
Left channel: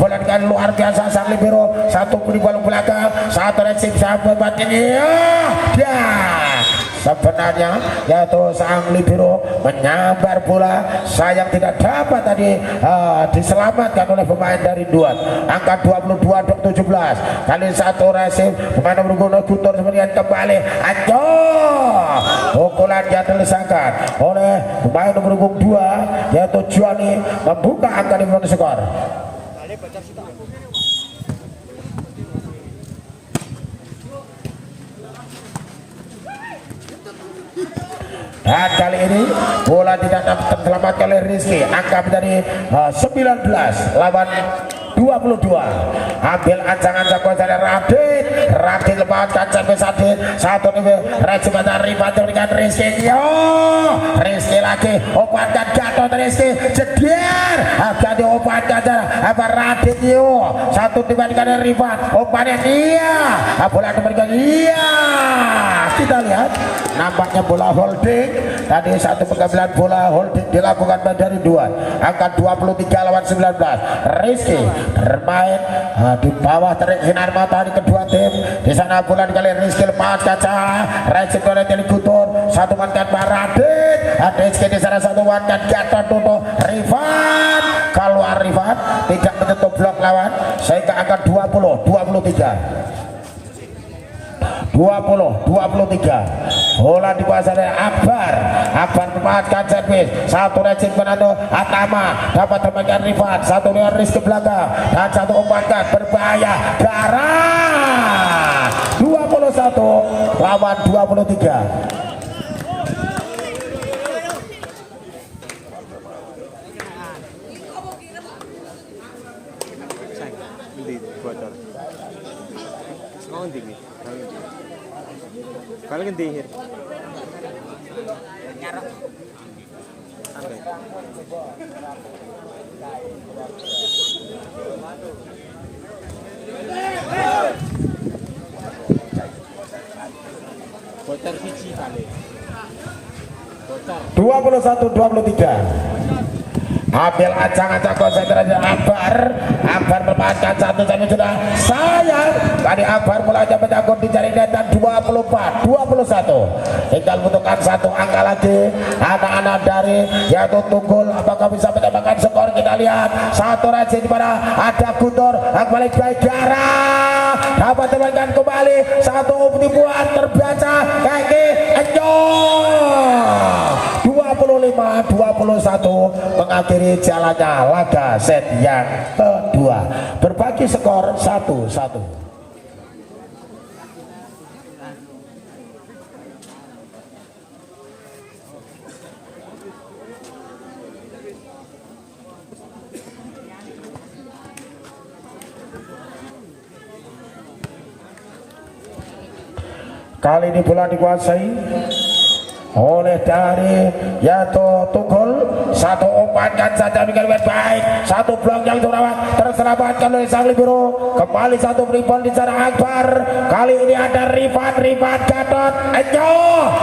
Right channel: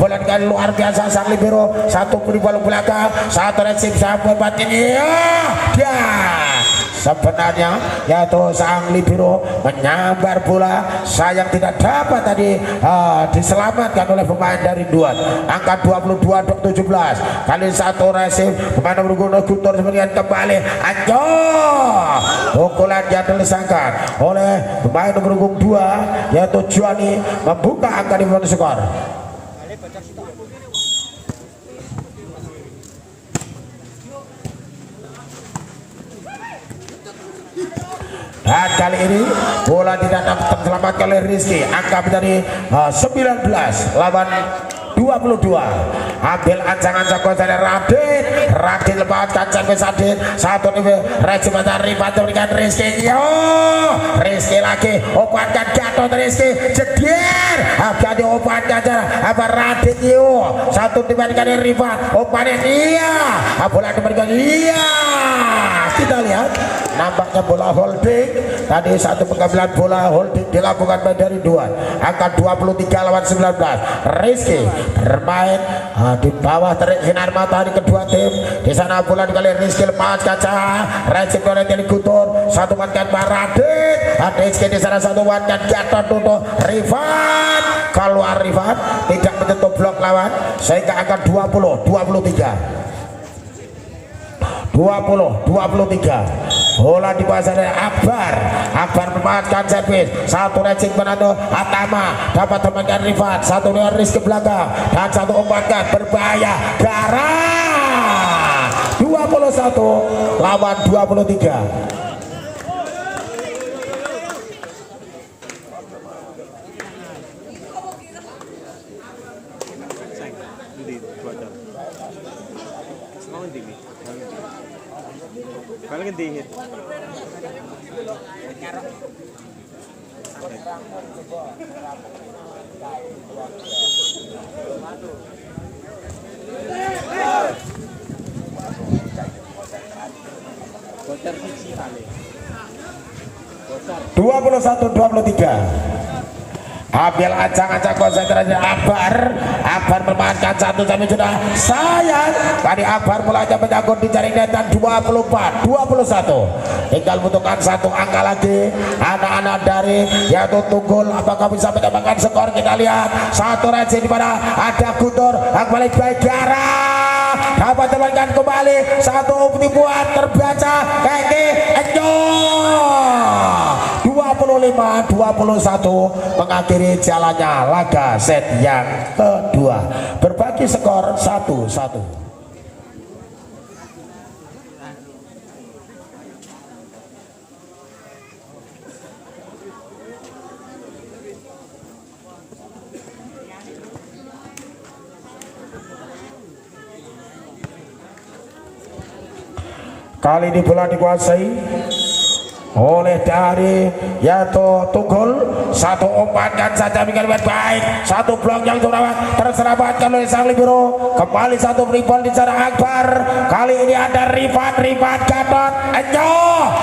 bola dengan luar biasa sang libero satu bola belakang satu receh sampai batin dia sebenarnya yaitu sang libero menyambar bola sayang tidak dapat tadi diselamatkan oleh pemain dari Duat angka 22-17 kali satu resip pemain nomor 2 Gutur kemudian kembali pukulan yang dilesakan oleh pemain nomor 2 yaitu Johnny membuka angka di bawah skor. Dan kali ini bola tidak dapat diselamatkan oleh Rizky angka menjadi 19 lawan 22. Ambil ancang-ancang konser Radit lepaskan servis Adit satu recep dari Rifan berikan Rizky Rizky lagi umpankan Gatot Rizky jeder jadi umpankan apa Adityo, satu dibandingkan dari Rifat, umpannya iya, bola dibandingkan iya. Kita lihat nampaknya bola holding tadi, satu pengambilan bola holding dilakukan dari dua, angka 23 lawan 19. Rizky bermain di bawah terik sinar matahari kedua tim. Di sana bola dikali Rizky lepas kaca, Rizky oleh Teli Gutur, satu mantan Baradit. Rizky di sana satu mantan jatuh untuk Rifat, keluar Rifat tidak menutup blok lawan sehingga angka 20-23. 20-23. Bola dikuasai oleh Akbar. Akbar memanfaatkan servis. Satu racing Fernando Atama dapat temankan Rifat. Satu dengan Rizky belakang dan satu umpankan berbahaya garang. 21 lawan 23. Balik ganti. Botar siji kali. 21-23. Ambil acak-acak konsentrasi Akbar. Akbar bermainkan satu tapi sudah sayang. Tadi Akbar mulanya menyangkut di jaring netan. 24-21. Tinggal membutuhkan satu angka lagi. Anak-anak dari yaitu Tunggul, apakah bisa menyamakan skor? Kita lihat satu racing di mana ada Gutur. Balik baik Tiara dapat temankan kembali satu penipuan terbaca kaki Enjo. 25-21 mengakhiri jalannya laga set yang kedua, berbagi skor 1-1. Kali ini bola dikuasai oleh dari Yato Tunggul. Satu umpankan saja dengan baik, satu blok yang terawat terselamatkan oleh sang libero. Kembali satu rebound di sana Akbar. Kali ini ada Rifat Gatot Enyo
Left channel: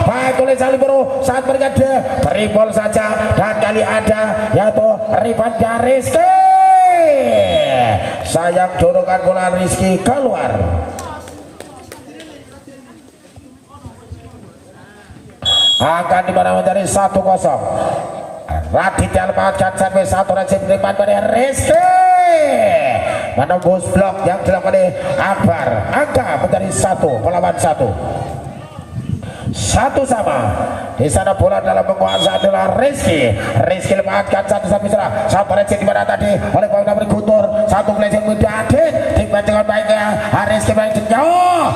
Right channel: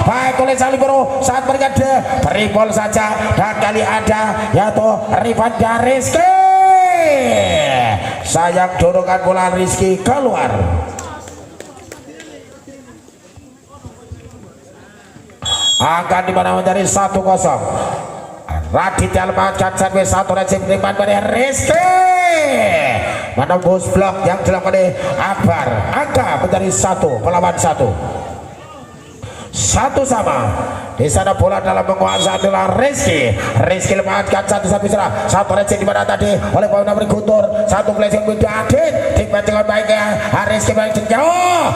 baik oleh sang libero saat berjeda rebound saja, dan kali ada Yato Rifat dan Rizky. Sayang dorongan bola Rizky keluar. Akan dimana dari 1-0. Raditya lepaskan sampai satu racing depan dari Rizky menembus blok yang dilakukan oleh Akbar. Angka menjadi 1-1. Satu sama. Di sana bola dalam menguasai adalah Rizky. Rizky lepaskan satu serang. Satu racing dimana tadi oleh pemain nomor Gutur. Satu blessing Widadin dibanting baiknya Rizky balik jauh.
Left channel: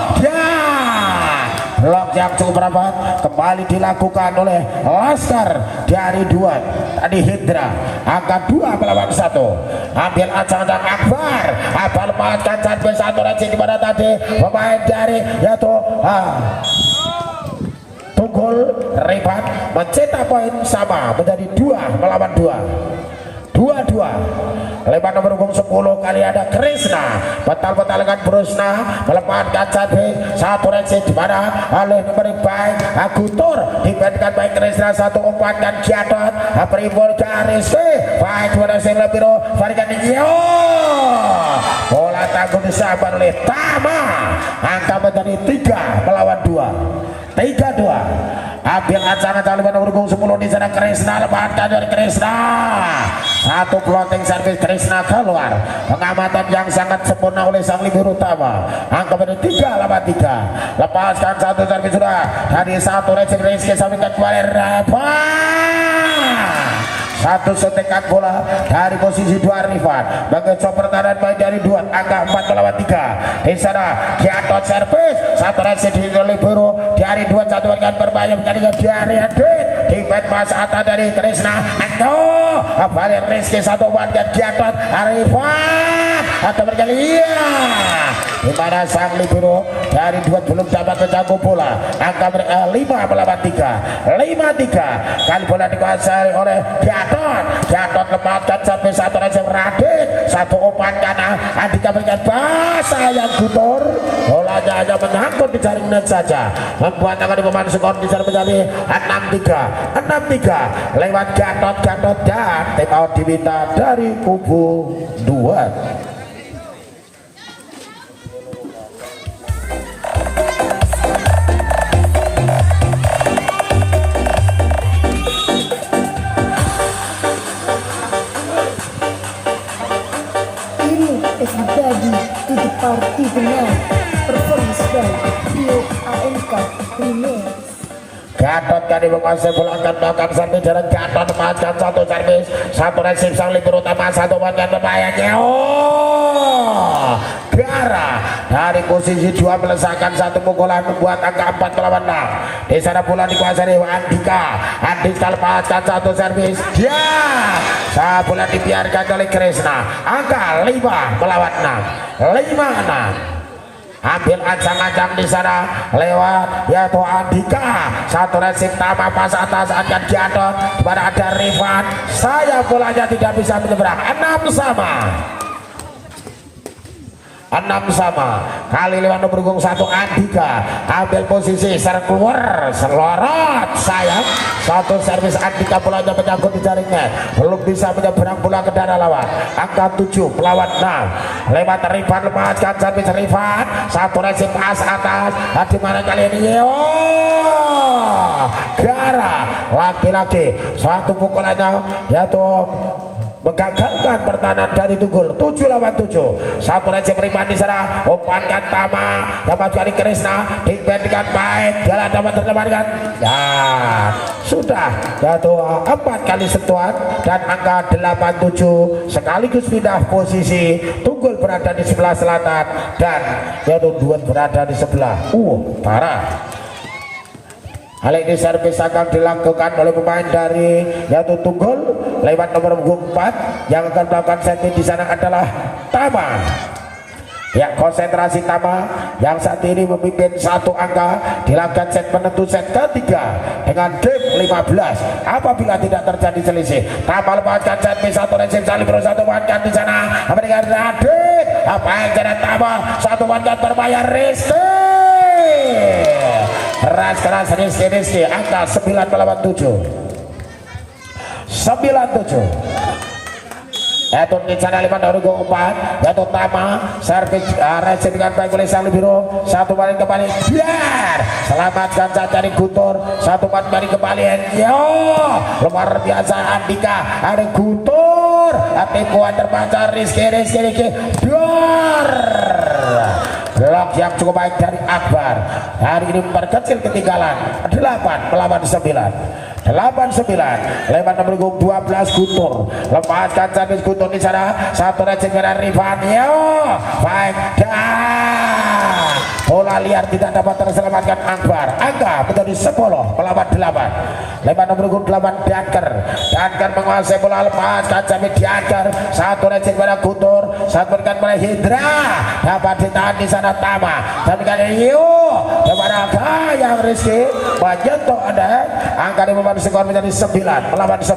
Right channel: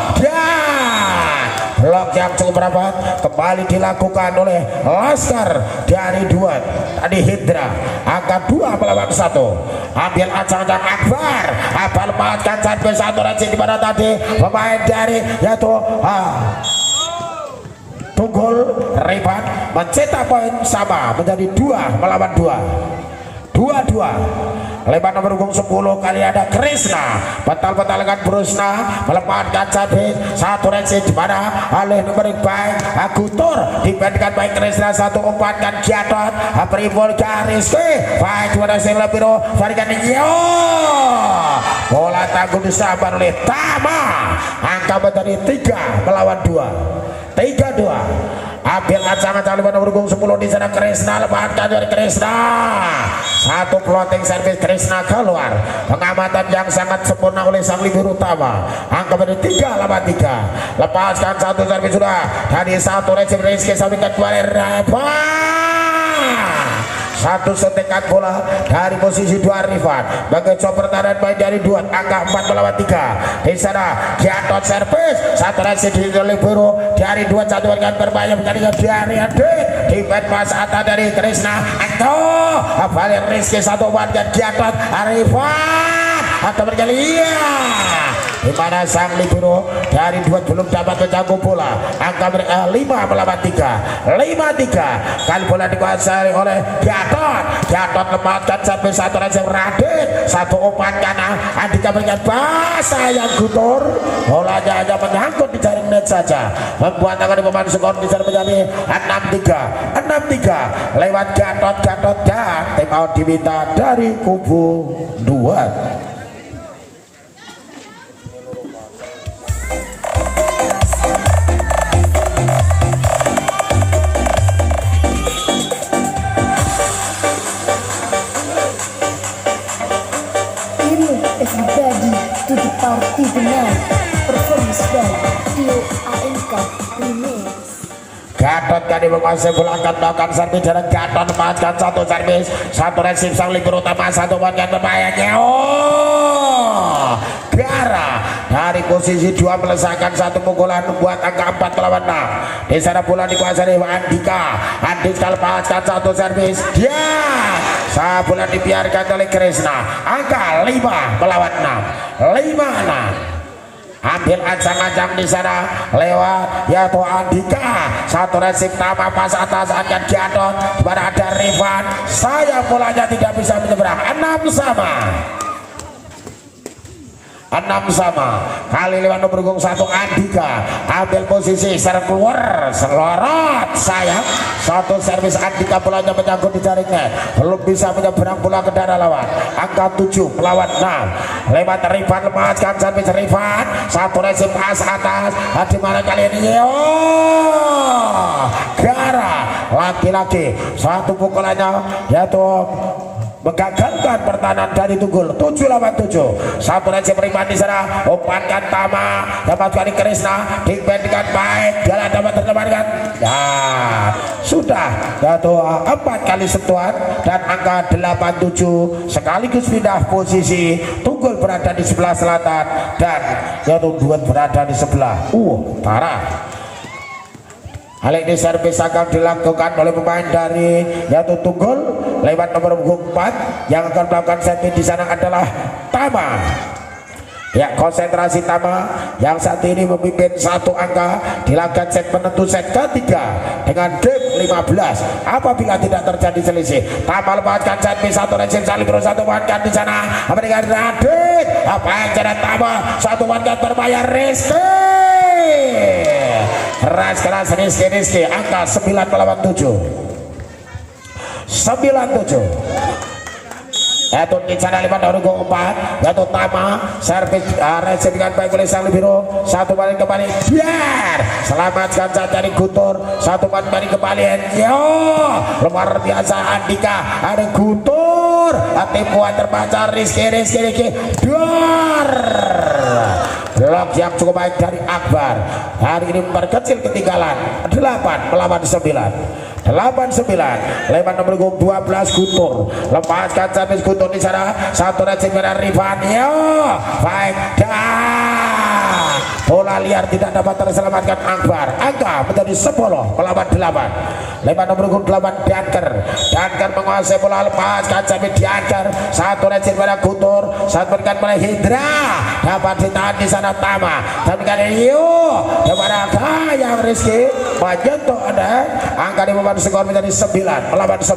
Blok yang cukup rapat kembali dilakukan oleh Laskar dari dua tadi Hidra. Angka 2 melawan 1. Ambil acak-acak Akbar. Akbar lepaskan sampai satu racing di mana tadi pemain dari yaitu Tunggul. Rifat mencetak poin sama menjadi 2-2. 2-2. Lebar nomor punggung 10 kali ada Krisna. Betal-betal dengan Brusna melepaskan satu racing di mana oleh nomor baik Agutur dibandingkan baik Krisna. Satu umpankan Gatot Pribol garis baik dua racing lebih varikan yo. Bola tangguh disabar oleh Tama. Angka menjadi 3-2. 3-2. Ambil kacang-kacang lebar nomor punggung 10 di sana Krisna. Lepaskan dari Krisna. Satu floating service Krisna keluar. Pengamatan yang sangat sempurna oleh sang libur utama. Angka menjadi 3-3. Lepaskan satu service sudah. Dari satu racing Rizky sampaikan kembali Rafa. Satu suntikan bola dari posisi 2 Rifat. Mengecoh pertahanan baik dari 2. Angka 4-3. Di sana Gatot servis. Satu racing di libero dari 2 satu dengan berbahaya menjadi dari Adit. Di mas atas dari Krisna. Balik Rizky satu umpan Gatot Rifat atau berkali di mana sang libero dari 2 belum dapat menjangkau bola. Angka mereka 5-3. Kali bola dikuasai oleh Gatot lepaskan sampai satu racing Radit. Satu umpan dan mendapatkan bahasa yang gutur. Bolanya hanya menyangkut di jaring net saja, membuat akan pemain skor di sana menjadi 6-3 lewat Gatot dan tim out diminta dari kubu 2. Everybody to the party tonight. Performance by Trio AMK Remix. Gatot tadi menguasai bola angkat bahkan servis jalan Gatot memanfaatkan satu servis, satu resip sang libur utama, satu bagian terbayangnya. Biara dari posisi 2 melesakan satu pukulan membuat angka 4 melawan 6. Di sana pula dikuasai Andika lepaskan satu servis, dia saat bola dibiarkan oleh Krishna, angka 5 melawan 6, 5-6. Ambil ancang-ancang di sana lewat yaitu Andika, satu resip Tama pas atas akan Gatot, pada ada Rifan, saya bolanya tidak bisa menyeberang. 6 sama kali lewat nomor punggung 1 Andika, ambil posisi serang keluar selorot sayang, satu servis Andika bolanya menyangkut di jaringnya, belum bisa menyeberang bola ke daerah lawan, angka 7 melawan 6. Lewat Rifan lepaskan servis Rifan, satu resip pas atas, di mana kali ini Gara laki-laki satu pukulannya yaitu menggagalkan pertahanan dari Tunggul. 7 lawan 7, satu resip Rifan di sana, umpankan Tama dapat dari Krishna, dibandingkan baik, jalan dapat tertempatkan, nah sudah yaitu 4 kali sentuhan dan angka 87 sekaligus pindah posisi. Tunggul berada di sebelah selatan dan yaitu Duet berada di sebelah utara. Hal ini servis akan dilakukan oleh pemain dari yaitu Tunggul lewat nomor punggung 4. Yang akan melakukan setting di sana adalah Tama. Ya, konsentrasi Tama yang saat ini memimpin satu angka dilakukan set penentu set ketiga dengan game 15. Apabila tidak terjadi selisih, Tama lepaskan servis satu resip Salibro, satu mankan di sana memberikan Radit. Apa yang jadi Tama, satu mankan berbayar Rizky. Keras Rizky, angka 9 melawan 7, 97. Itu di sana 5 dari gol 4 yaitu Tama, servis resip dengan baik oleh Sang Libero, satu balik kembali biar selamatkan saat dari Gutur, satu balik kembali luar biasa Andika, ada Gutur, hati kuat terbaca Rizky biar blok yang cukup baik dari Akbar. Hari ini memperkecil ketinggalan 8 melawan 9, 8-9 lewat nomor 12 Gutur, lepaskan servis Gutur di sana, satu resip dari Rifan, baik dan bola liar tidak dapat terselamatkan Akbar. Angka menjadi 10 melawan 8 lewat nomor 8 Danker menguasai bola, lepaskan servis Danker, satu resip dari Gutur, satu berikan oleh Hindra, dapat ditahan di sana Tama dan kali kepada yang Rizky menyentuh ada angka di membantu skor menjadi 9 melawan 10.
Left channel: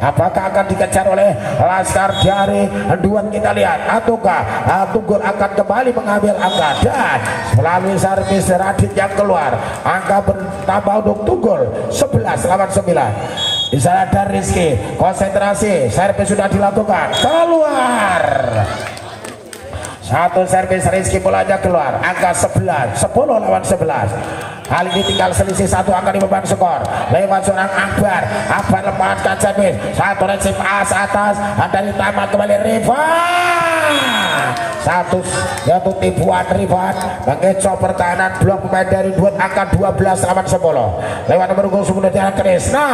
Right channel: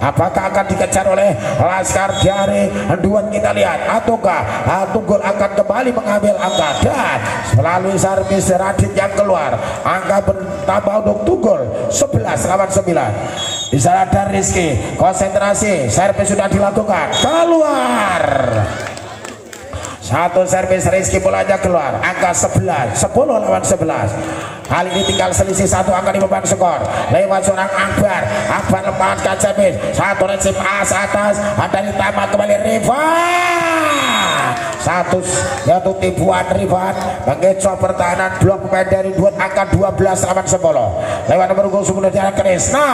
Apakah akan dikejar oleh Laskar dari Duet, kita lihat, ataukah Tunggul akan kembali mengambil angka dan melalui servis Radit yang keluar, angka bertambah untuk Tunggul 11 lawan 9. Di sana ada Rizky, konsentrasi, servis sudah dilakukan, keluar. Satu servis Rizky bolanya keluar, angka 11, 10 lawan 11. Kali ini tinggal selisih satu angka di beban skor lewat seorang Akbar lepaskan servis, satu resip atas dari Tama kembali Rifan, satu yaitu tipuan Rifan mengecoh pertahanan blok pemain dari Duet, angka 12 lawan 10 lewat nomor 10 jalan Krishna,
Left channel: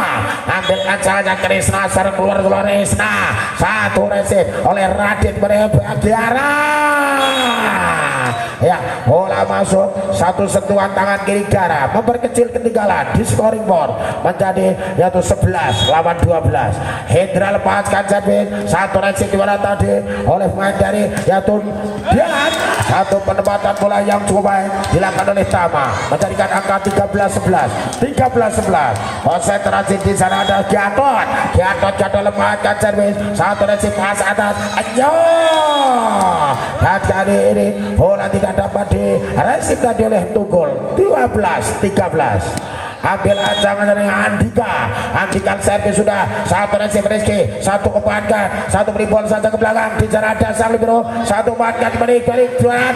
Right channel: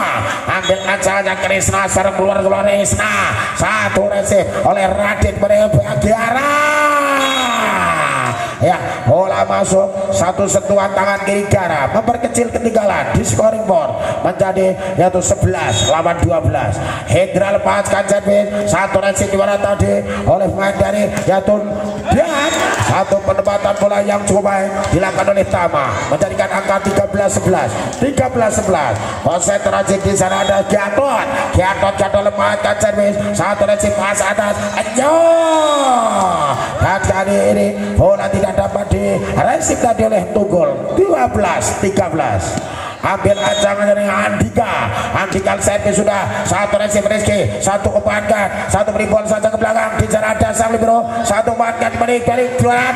ambil acaranya Krishna, serang keluar Krishna, satu resip oleh Radit Bagiara. Ya, bola masuk, satu sentuhan tangan kiri Gara memperkecil ketinggalan di scoring board menjadi yaitu 11 lawan 12. Hendra lepaskan servis, satu resip di mana tadi oleh pemain dari yaitu Dian, satu penempatan bola yang cukup baik dilakukan oleh Tama menjadikan angka 13-11. Konsentrasi di sana ada Gatot lepaskan servis, satu resip pas atas dan kali ini bola tidak dapat diresip tadi oleh Tunggul. 12-13. Ambil ancangan dari Andika servis sudah, satu resip Rizky, satu kepankan, satu beri bola saja ke belakang, dijarah dasar libero, satu kepankan balik dua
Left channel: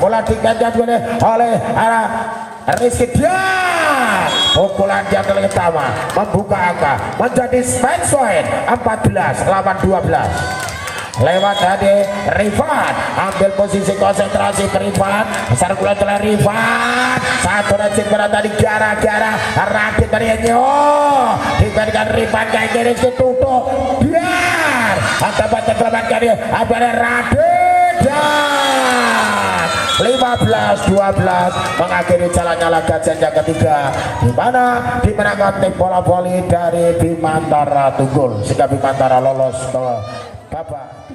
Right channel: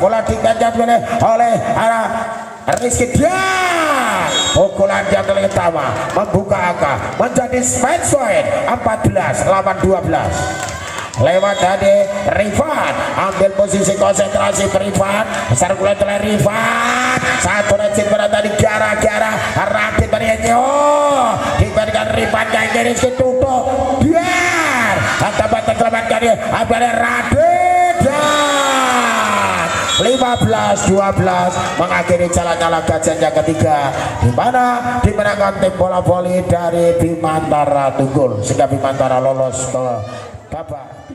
bola diganjar oleh arah Rizky dia. Pukulan yang pertama membuka angka menjadi match point 14-12. Lewat dari Rifan, ambil posisi konsentrasi Rifan, besar kulai oleh Rifan, satu rajin berada di gara-gara Radit dari Enyo, diberikan Rifan kayak gini tutup biar ada baca selamatkan dia, ambil Radit dan 15-12 mengakhiri jalannya laga yang ketiga, di mana dimenangkan tim bola voli dari Bimantara Tunggul sehingga Bimantara lolos ke babak